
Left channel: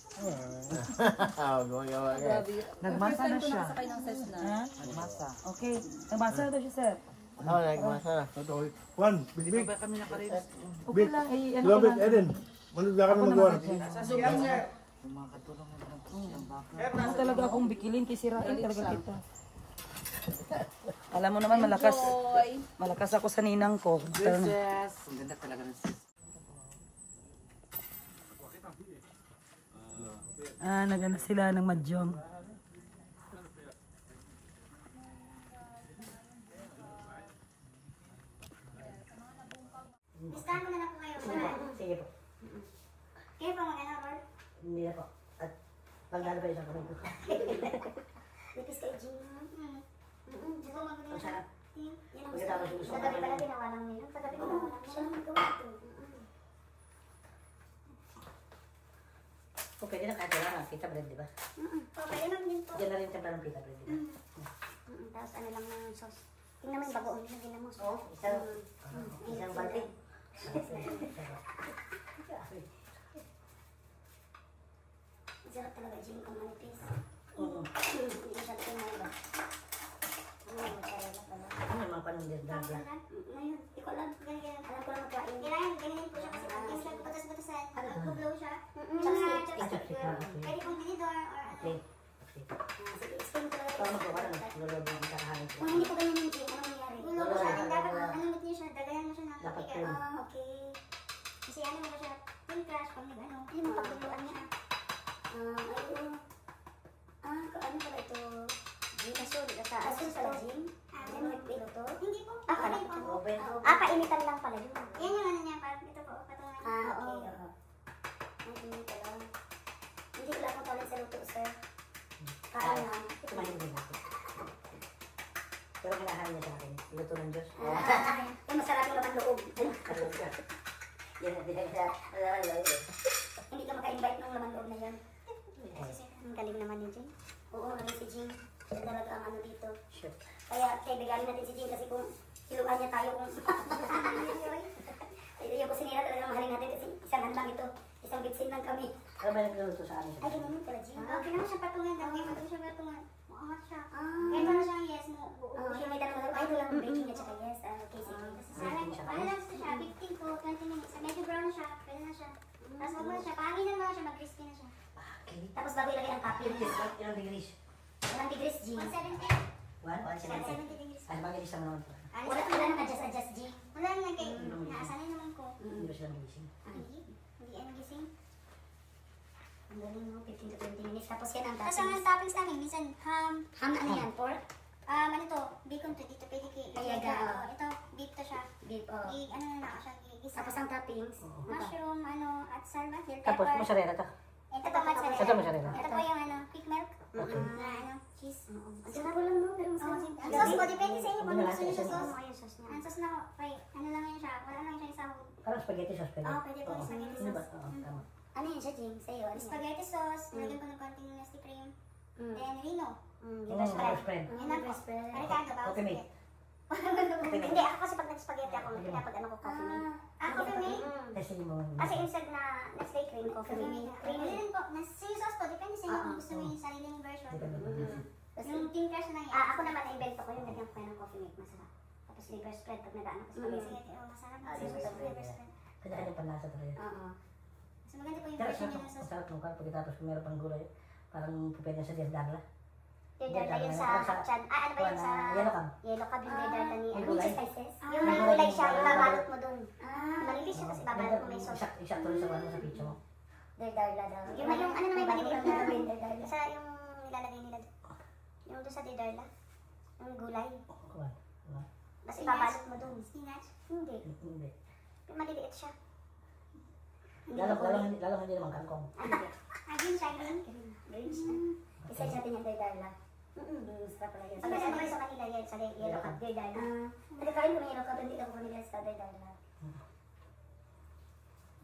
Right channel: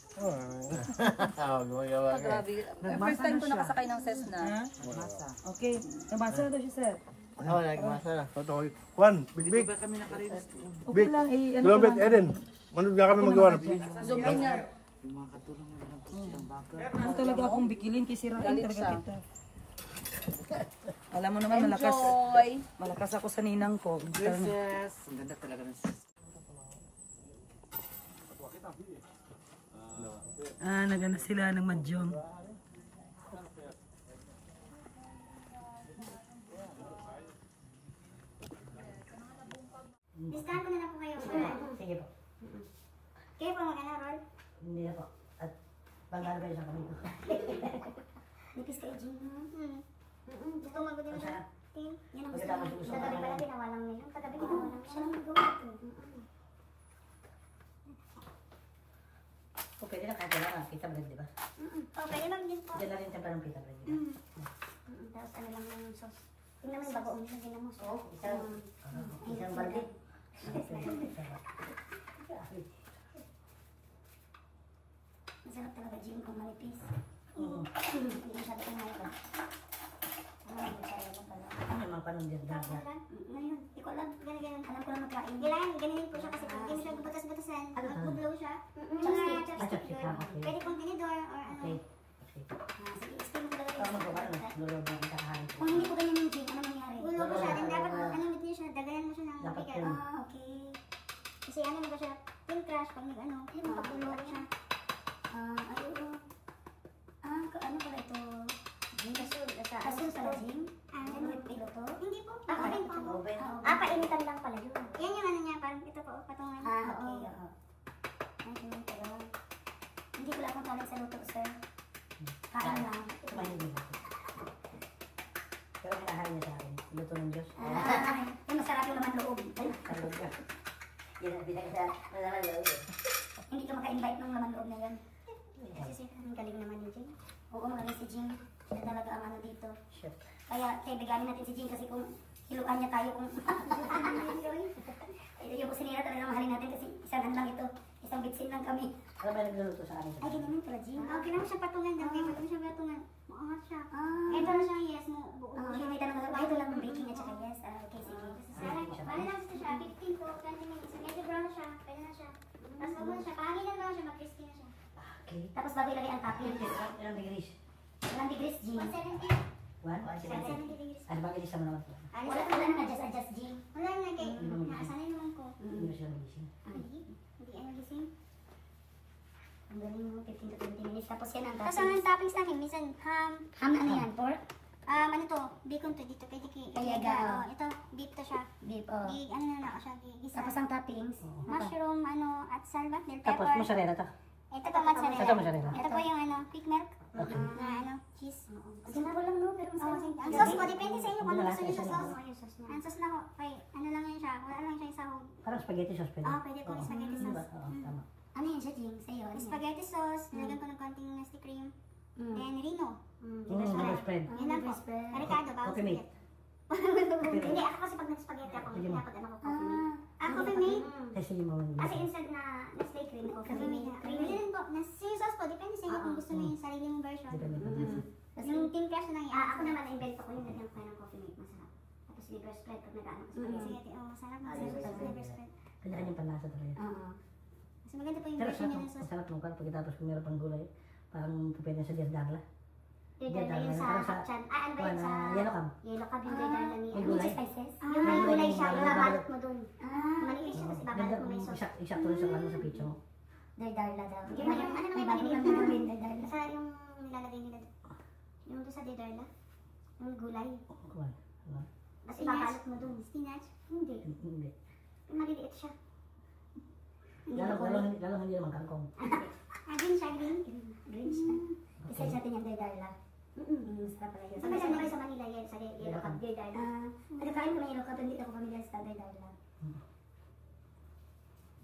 Gumagawa ka. Grabe. First time ko nakasakay ng Cessna. Okay. Nabasa na daw siya, sir. Oo, nagmasa. Totoo. Juan, big. Okay lang, eh, ano ko Robert lang. Eden. Ano nga kami magawa? Ano talaga akong bikilin, kisirain talaga kita. Alam mo naman, malakas ako sa ninang ko. Princess. Ang ganda talaga ng Nagana sila ng madyong. Listahan ko na lang po kayo. Sige po. Kayo po mag-ano, Rol? Hindi na po. At pagdalo pa isang kamay ko. Nipis kayo, Jim. Gusto mo mag-ano na siya? Yan ang gusto Pagkatapos mo. gusto Sa ko gabi naman pala yun. ginawa lang nila. Sa gabi ginawa lang siya. Ang gawa ko. Kung pwede na kahit wala nga, pita bread, di ba? Oh, pwede lang din po. Diyan na rin templa ng pita bread, di ba? Tapos ano lang yung sauce. Tingnan mo yung bagoong yung ginamos. Oo, isang balde. Ang sarap talaga, Jim, kung manipis. Oo. Hindi sarap yung mga. Ano Ano yung mga panong din na Ngayon, di ko alam. Ganyan. Alam ko lang magkain. Ganyan po siya kasi pag hindi siya butas-butasan. Nag-blow siya. Chopstick. Pwede kong tinidor or ano. Okay. Sige, explain ko talaga Ano yung ba? Lolo ba ang kakain? kung hindi po ganyan yung Jim, ano nangyayari? Gulo mo siya. And dapat, ano mo din siya, dagayan mo siya ng Dapat mabigat. yun. Okay. Kasi ano mo ba siya, yung crash pag nag-ano, yung pagbulo ko siya. Ano pala ito? Kasul pala, Jim? Nag-pilo to? Hindi po. Rin po. Painitan lang pala dito. Yan yung ano niya, parang ito po, patungan. Okay, oo. Ang inita lang. Hindi ko lang kung talent sa luto, sir. Kain na. Kumain din ako. Pero kinahain niya sa akin. Luto ng Diyos. Yung masarap yung laman loob. Yan ang pinagda. Hindi ka maka-invite ng laman loob na yan. Kasi ang galing naman ni Jing. Oo, naging si Jing. Siya talaga ang ano dito. Sure. Kaya kaibiganin natin si Jing kasi kung siluan niya tayo kung yung kusinira talaga mahalin natin kasi isang handlang ito. Isang bitsin lang kami. Pero may nagluluto sa amin. Ay, ganun pala, Jing. Okay lang siya patungan. Okay, pag siya patungan. Maangat siya. Kaya parang siya, yes, mo. Siya may tanong ako, ay, ito lang ang baking at saka yes. Okay, sige. Ano lang siya, 15 to 20 minutes. Medyo brown na siya, pwede na siya. Tapos huwag mo na siya, pahangin na ba siya, mag-crispy na siya. Okay. Tapos bago ilagay ang topping. Ilang degrees? Ilang degrees, Jing? 170. 170 degrees. Ano bakit isang naman? Wala nang adjust, Jing. Wala na kay, naasanay naman ko. Hindi ba silang gising? Hindi ano gising. Ang galing mo, 15 to 20 minutes. Tapos yan ang toppings. Tapos ang toppings namin, minsan ham. Ham ano yan? Pork? Ano to, bacon to dito, pwede kay Kayaga, ito, beef to siya. Beef, oh. Ano na ako siya, gigisa. Tapos ang toppings? Mushroom, at salad, bell Tapos pepper. mozzarella to. Ito po mozzarella. Ito mozzarella. Ito po yung quick milk. Okay. Na cheese. Ganda ko lang, no? Pero masarap. Ang sauce po, depende sa inyo kung ano Wala, gusto nyo sa isa sauce. lang. Ang sauce na, ano lang yan siya, wala lang siya isahog. Parang spaghetti sauce pwede. Pwede po, spaghetti Di ba? sauce. Oo, tama. Ano yan siya, Jing? Sa'yo? Ano yan? Spaghetti sauce, nilagyan ko ng konting nasty cream. Then Rino. Rice bread. Yan lang po. Karikado ba? Okay, mate. Hindi, ako kasi pag nag-spaghetti ako, pinapag-ano ko coffee mate. Coffee mate? Kasi yung mga... Kasi instant na stay cream, okay. Cream din po. Sa sauce po, depende sa inyo kung gusto mo yung sarili mong version. Yung thin crust na yan. Ako naman, na-invento ko yung lagyan ko ng coffee mate, masarap. Tapos liver spread, pag nag-ano ko spaghetti. Masarap na sauce. Kanya-kanyang panlasa talaga. Oo. Mas maganda po yung Pero version sarap, niya ng sauce. ang sarap nung kan pagkatapos kung meron pang gulay. Parang pwede sa Diaz Dagla. Dardar yun sa chan. Ano ba yun sa... Yellow cam. Yellow cab yung dardar ni... Yung Ano gulay. yung spices? Yung may gulay siya, yung babalot mo dun. Malipis siya kasi babalot mo may sauce. Exact rin sa sa pizza mo. Dardar la daw. Yung ano naman yung bago pinigil kami na namin dardar. Basta yung nilalagay nila doon. Yung doon sa Didarla. Yung gulay. Kuwan. Kasi babalot mo dun. Spinach. Hindi. Hindi. Yung maliliit siya. Lalong hindi naman kangkong. Green siya, green. Green siya. Isa natin yung dardar la. Sarap pala yun. Sabi sa mga sa Manila yan, sa yellow cab. Dardar la. Nagkakain ko ng yellow cab, hindi ako familiar sa dardar la.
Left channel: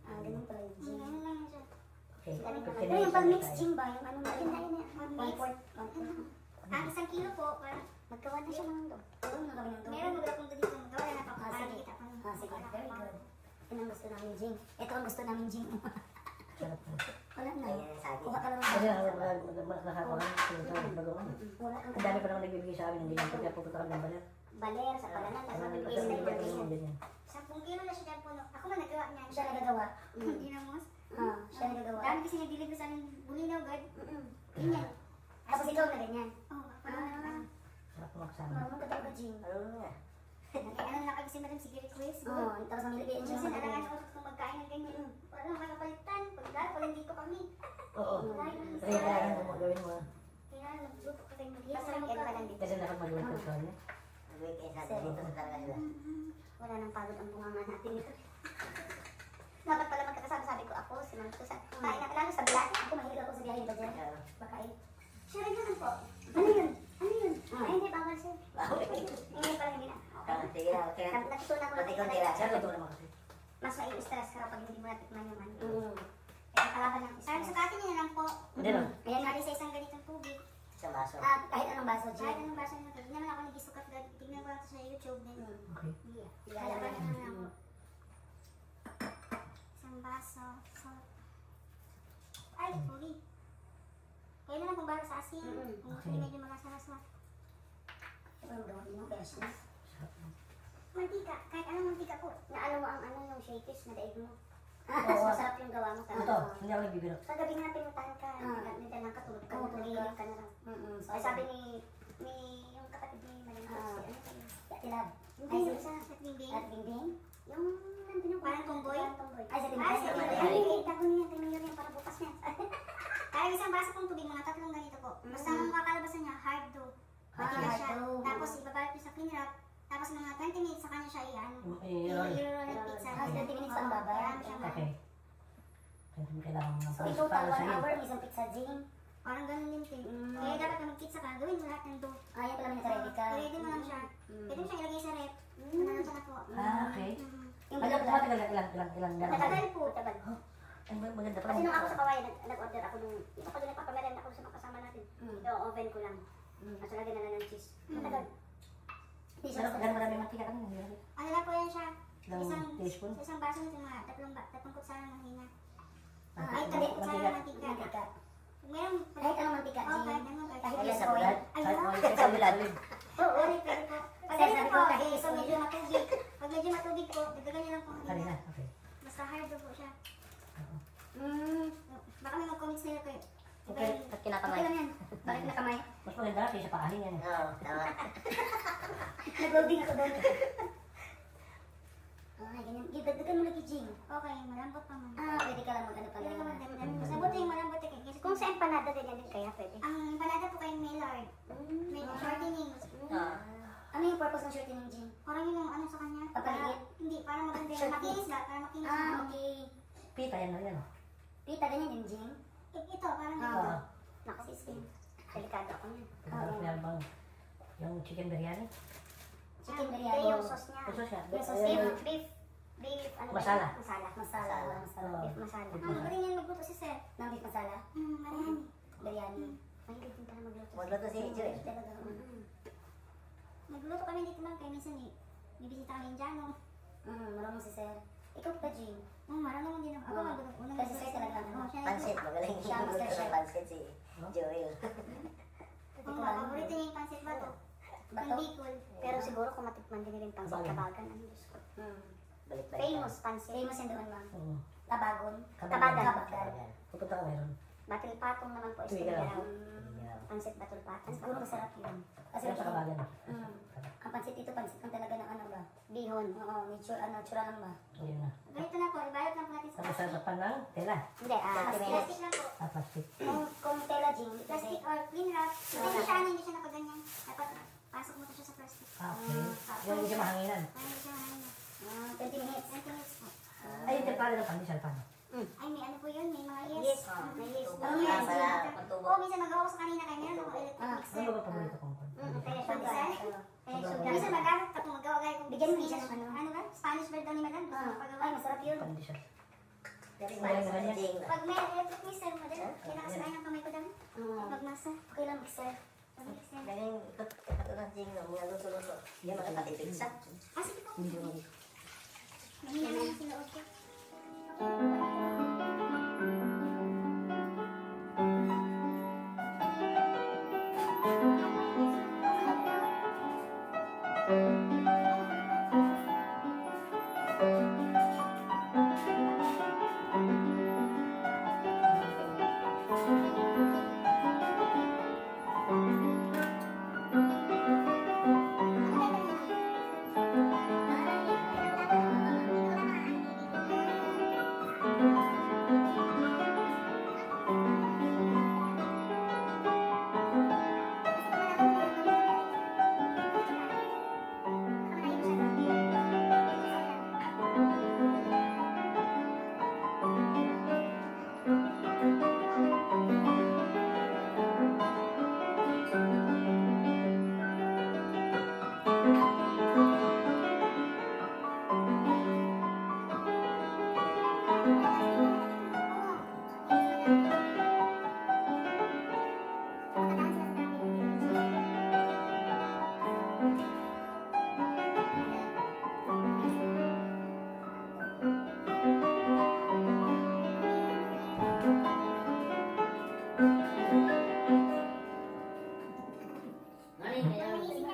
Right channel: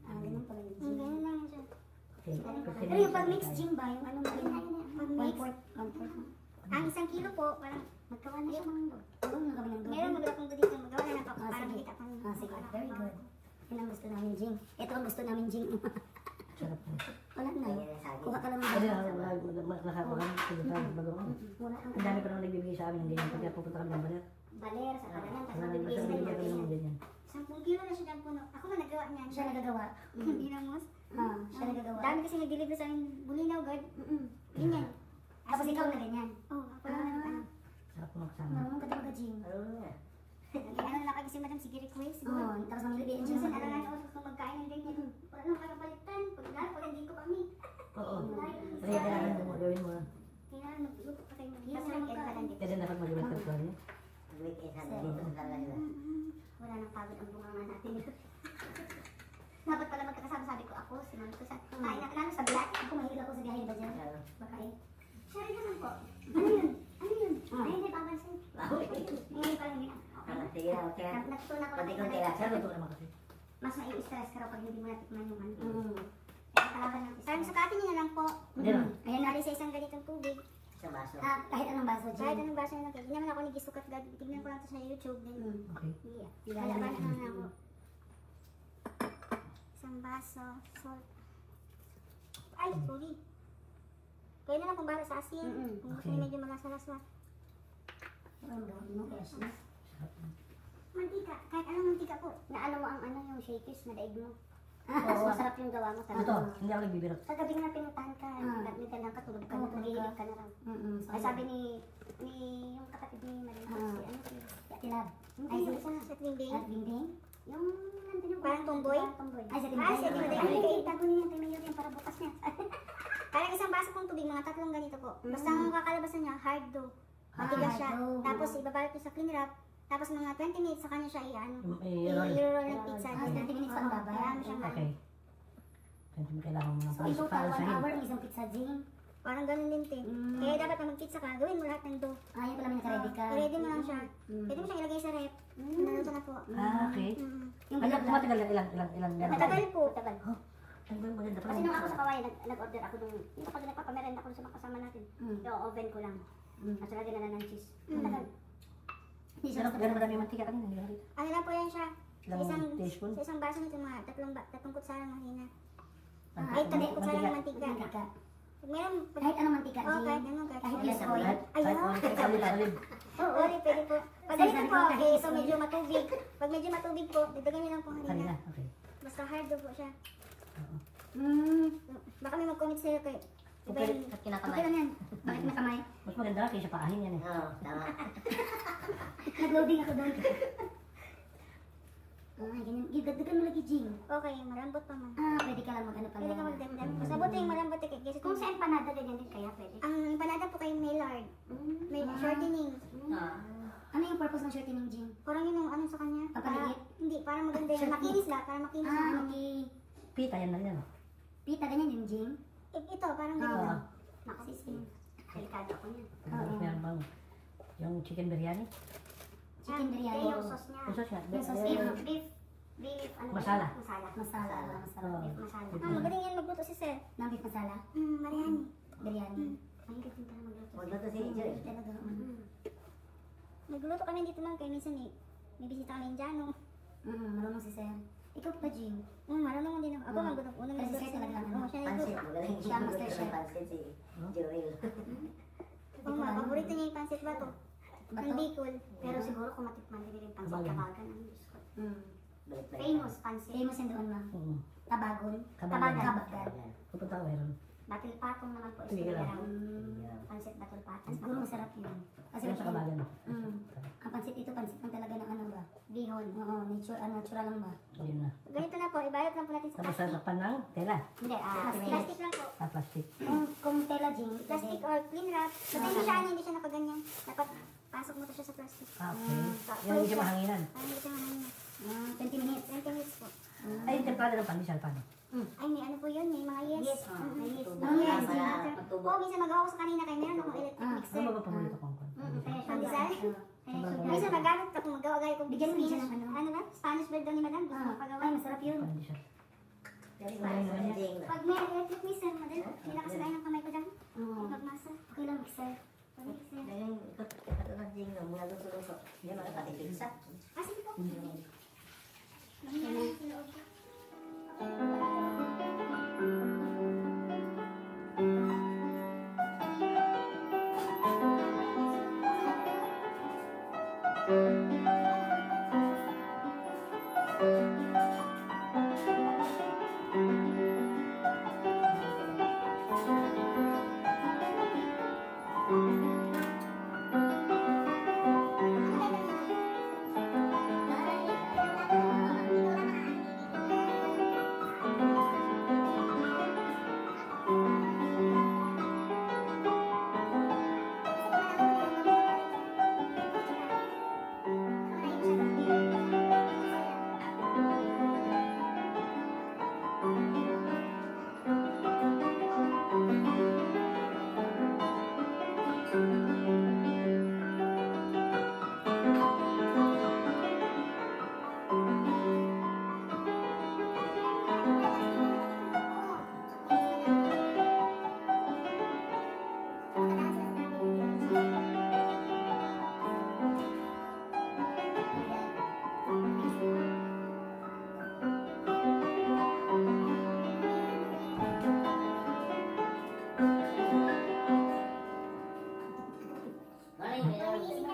Ganun pala yun. Ganyan lang siya. Okay. Pero yung pag-mix gym ba, yung ano ba yun? Pag-mix. 1/4. Ang 1 kilo po, magkawan na siya ng mundo. Meron mo akong dito, magawa na pa. Para Sige. kita pa. Sige, very good. Yan ang gusto namin, Jing. Ito ang gusto namin, Jing. Sarap na. Wala na. Kuha ka lang ng Hindi, dahil. nakakuha kami sa nagawa. Wala Ang dami pa naman nagbibigay sa amin ng ganyan. Pagka pupunta kami ng Baler. Baler, sa palanan, tapos Basta magbibigay sila nabigyan ko ng ng mga ganyan. 10 kilo na siya dyan puno. Ako na nagawa niyan. Siya nagagawa. Dinamos. Siya nagagawa. Dami kasi nag-deliver sa akin, bulinaw, guard. Ganyan. Tapos ikaw na ganyan. Oo, parang Sarap mo kasama. Marunong ka talaga, Jing. ano na kasi madam, sige request. Tapos mamili ka Minsan dyan. alangan ako kung magkain ng ganyan. Wala nang kakapalitan. Pag hindi ko kami. Oo. Kailangan mo magawin mo. Kailangan magluto ka kayo. Masarap ka lang dito. Kasi nakapagawin ka pa rin. Wala nang pagod ang bunganga natin ito. Dapat pala magkakasama, sabi ko ako, si Ma'am ko sa kain na kailangan sa bilat. Ako mahilig ako sa biyahe ba dyan? Makain. Siya rin naman po. Ano yun? Ano yun? Ay, hindi pa ako sir. Hindi pala hindi na. Natutunan ko na mas mai-stress ka pag hindi mo natikman yung ano. Kaya kalaban lang. Sabi sa katin niya lang po. Ayan, nari sa isang ganitong tubig. Kahit anong baso dyan. Kahit anong baso na lang. Hindi naman ako nagisukat. Tignan ko lang ito sa YouTube din. Kalaban lang ako. Isang baso. So, ay, sorry. Kaya na lang kung baro sa asin. Kung gusto niyo medyo malasala-sala. Mantika. Kahit anong mantika po. Naano mo ang ano yung shakies, madaig mo. Mas masarap yung gawa mo. Ito, hindi ako nagbibiro. Sa gabi nga pinuntahan ka, nagmitan lang ka, tulog ka, tulog ka na lang. Ay sabi ni yung kapatid ni Madam Coach, ano si Yatilab. Hindi, sa Bingbing. At Bingbing? Yung parang tomboy. Ay, sa Bingbing. Sa Bingbing. Tago niya, tingnan niya para bukas niya. Kaya isang baso kong tubig, mga 3 ganito po. Basta ang kakalabasan niya, hard dough. Matigas siya. Tapos ibabalot niya sa clean wrap. Tapos mga 20 minutes sa kanya siya i-roll ng pizza. 20 minutes ang babay. Kaya mo siya Okay. Kasi mo kailangan mo ng So, ito para pa, sa 1 hour, isang pizza, Jing. parang ganun din te. Kaya dapat pag mag-pizza ka, gawin mo lahat ng dough. Ayaw pala naka-ready ka. I-ready mo lang siya. Pwede mo siya ilagay sa rep. Naluto na po. Okay. Yung Ano galap po matagal ilang gano'n? Matagal po. Ano ba maganda pa? Kasi nung ako sa Kawayan, nag-order ako nung ako doon nagpapamerenda ako sa mga kasama natin. Yung oven ko lang. At saka din na ng cheese. Matagal. Ganun marami mantika kami. Ano lang po yan siya. Ilang teaspoon? Sa isang baso nito mga tatlong kutsara ng hina. Ay, tabi kutsara ng mantika. Meron, Kahit anong mantika, Oo, Jing. kahit anong, kahit Kahit anong. yes, oil. Sa ulit. Oo, pwede po. Pag ganito po, so medyo matubig. Pag medyo matubig po, dadagan niyo lang po Kanina. kanina. Okay. Basta hard po siya. Baka may mag-comment sa'yo kayo. Diba Okay, yun? Okay lang yan. Bakit nakamay? mas maganda kaysa paahin yan. Nag-loading ako doon. Ay, ganyan. Dagdagan mo lagi, Jing. Okay, malambot pa man. Pwede ka lang mag-ano pa Pwede ka lang. magdagdag. Basta buti yung malambot eh. Kasi Kung sa empanada, ganyan din kaya pwede. ang empanada po kayong may lard. May shortening. Ano yung purpose ng shortening, Jing? Parang yun yung ano sa kanya. Papaliit? Hindi, para maganda yung makinis lang. Para makinis Ah, lang. okay. Pita yan na rin. Pita, ganyan din, Jing. Ito, parang Oo. ganito. Nakasiskin. Delikado ako niya. Tapos meron bang yung chicken biryani? Chicken Kaya biryani. yung sauce niya. Yung sauce niya. Yung sauce Beef, niya. beef, ano ba? Masala. Masala. Masala. Masala. Oo. Beef masala. Magaling yan magluto si Sir. Ng beef masala. Mariani. Biryani. Mahilig din pala magluto. Magluto si Jure. Talaga. Nagluto kami dito lang kaya minsan eh. May bisita kami Indiano. Marunong si Sir. Ikaw pa, Jing. Marunong din ako. Ako magluto. Unang Kasi nagluto Sir talaga. Oo, siya Pansit, nagluto. magaling Siya ang master chef. pansit si Joel. Oo, paborito niya yung pancit bato. Ang Bicol. Pero siguro kung matikman din nila yung pancit Kabagan. kabagan. Ang Diyos ko. Balik-balik. Famous pancit. Famous yan doon, ma'am. Oo. Tabagon. Kabagan. Kabagan. Pupunta ka meron. Batil patong naman po. Sige Isang lang. araw. Pancit batil patong. Siguro masarap yun. Kasi Yan sa kabagan. ang pansit dito, pansit lang talaga ng ano ba? Bihon. Oo, natural lang ba? Yun na. Ganito na po. Ibayot lang po natin sa Tapos plastic. sasakpan ng tela. Hindi, Plastic lang po. Sa plastic. Kung tela, Jing, Plastic or clean wrap. Hindi siya ano, hindi siya nakaganyan. Dapat pasok mo to siya sa plastic. Okay. Yung medyo mahanginan. Ano siya ano. 20 minutes. 20 minutes po. Ay, hindi pala ng pandesal pa. Ay, may ano po yun. May mga yes. Yes, yes. Ano yan? Oo, minsan magawa ko sa kanina kaya meron akong electric mixer. Ano ba paborito kong kon? Kaya siya Pandesal. Minsan nagamit ka kung magawa gaya kung Bigyan mo Spanish. dyan, ano? Ano ba? Spanish bread daw ni Madam. Gusto mo pagawa. Ay, masarap yun. Pandesal. Pag may electric mixer, madali. May nakasakay ng kamay ko dami. Pag nasa. Okay lang, mixer. Mixer. Ganyan, katulad niya yung mga luto-luto. Yan magkapatid sa. Ah, sige po. Hindi ko. May meron sa loob ko. Ano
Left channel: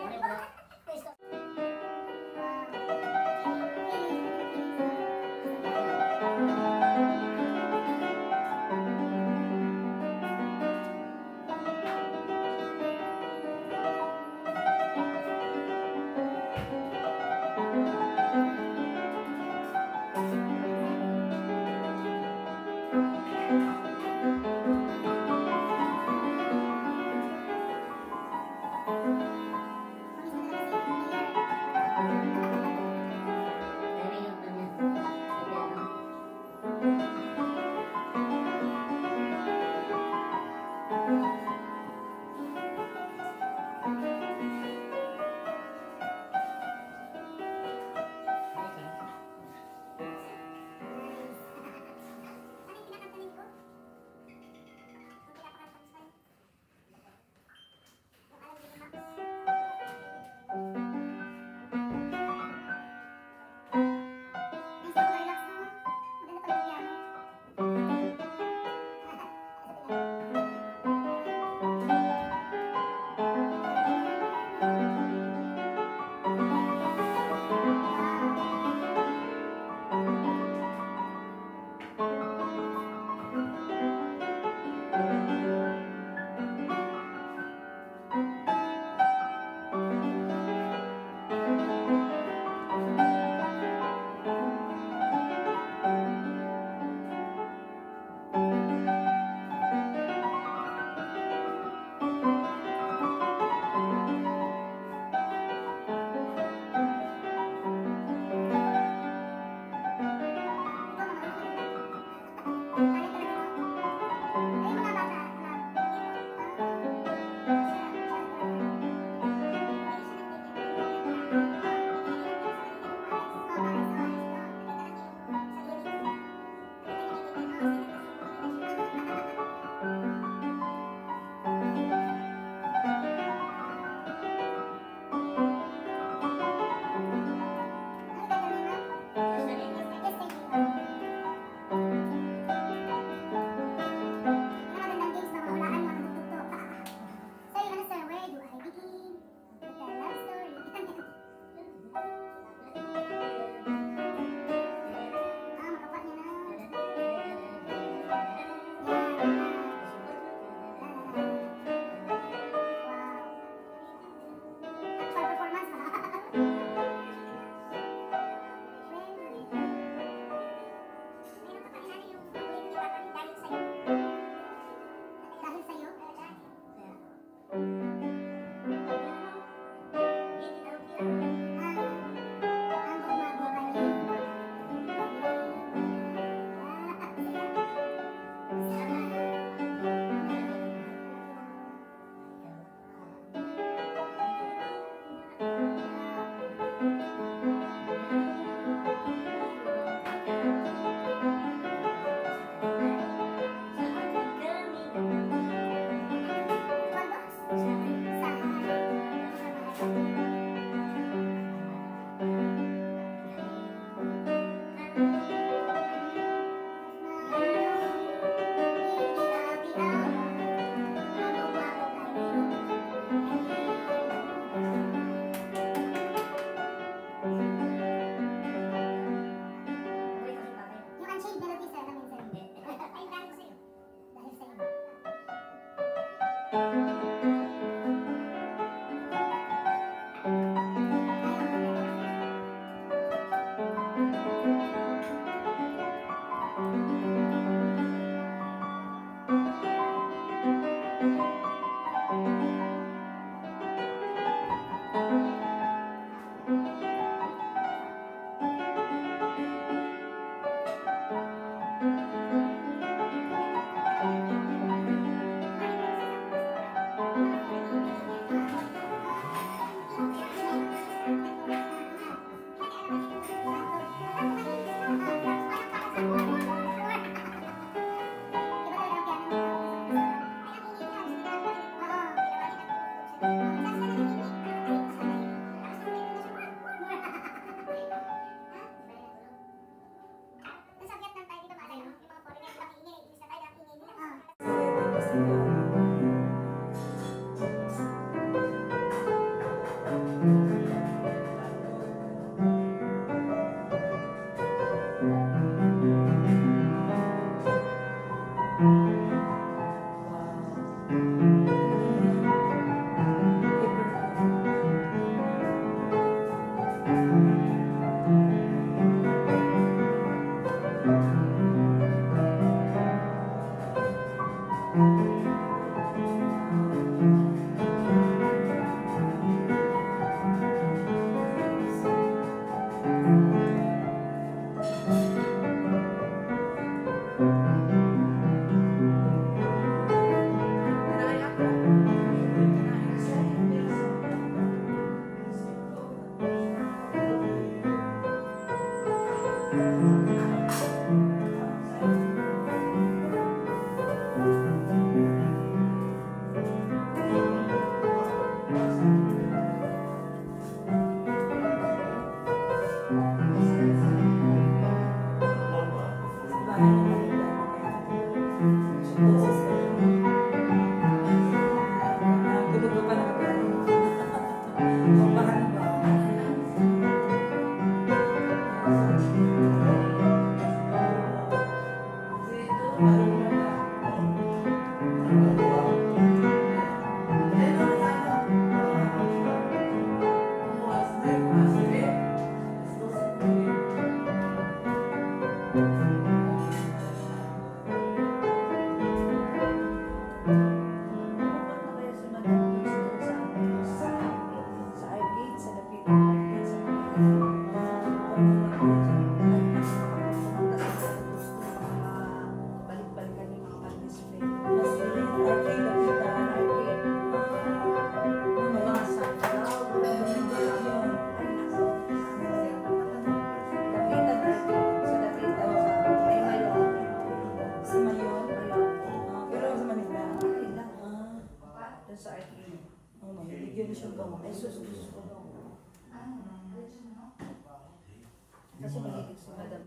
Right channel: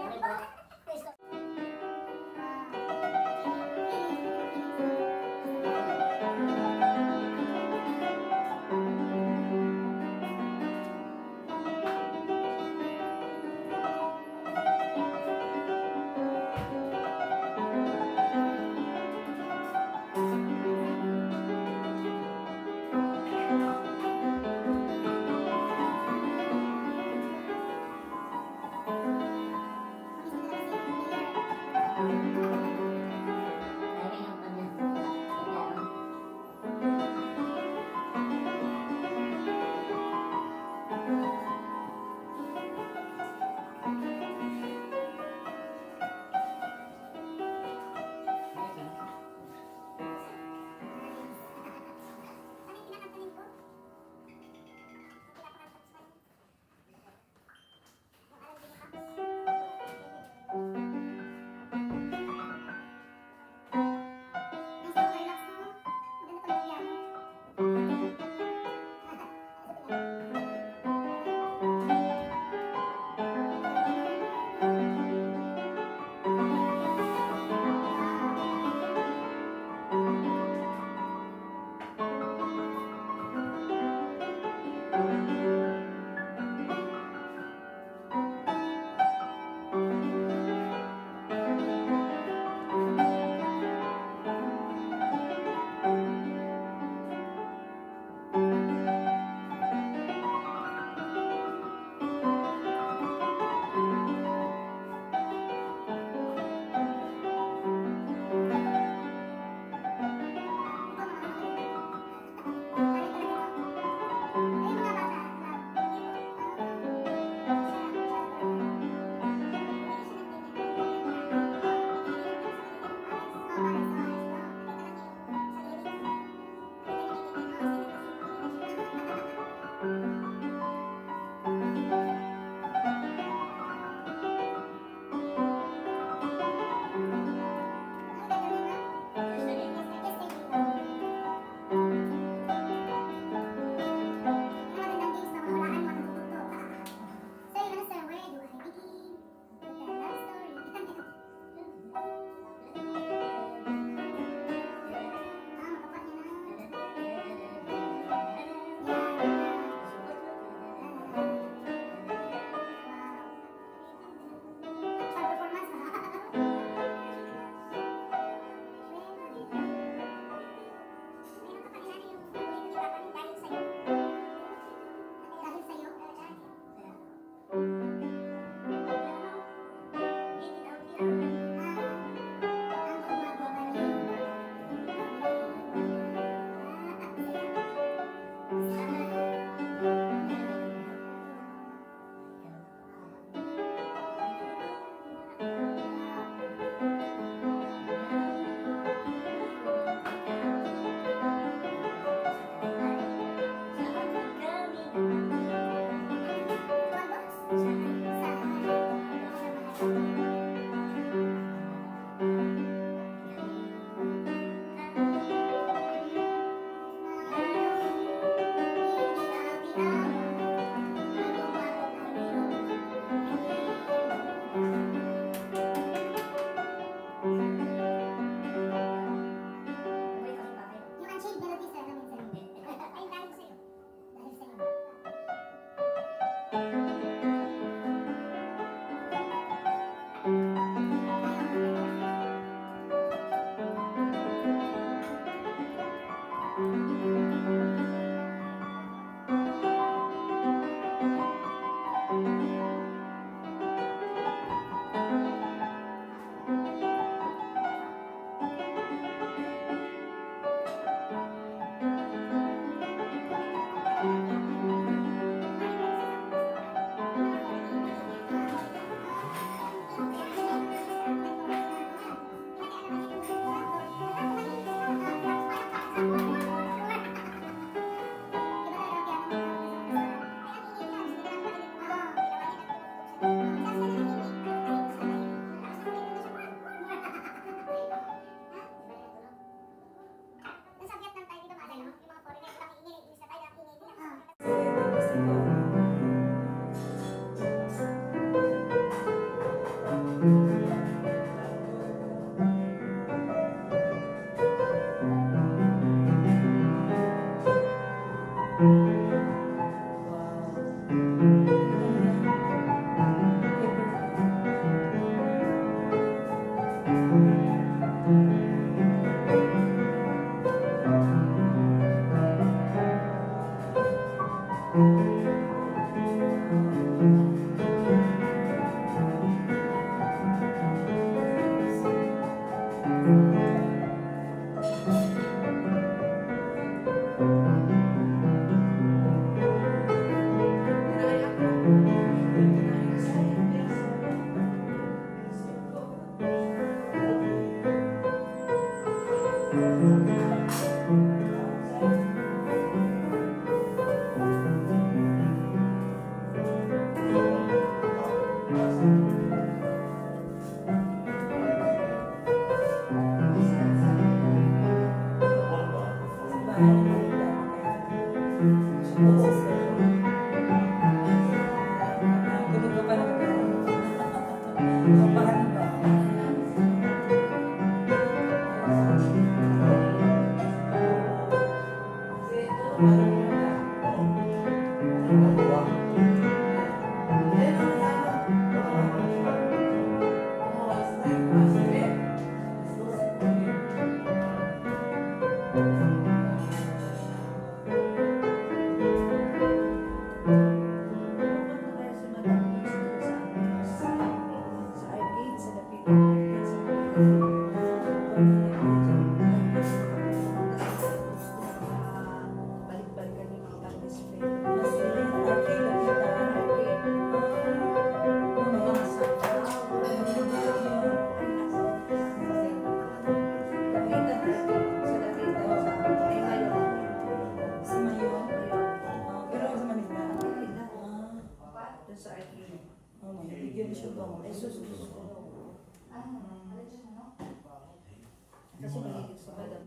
Kasi magiging sa madam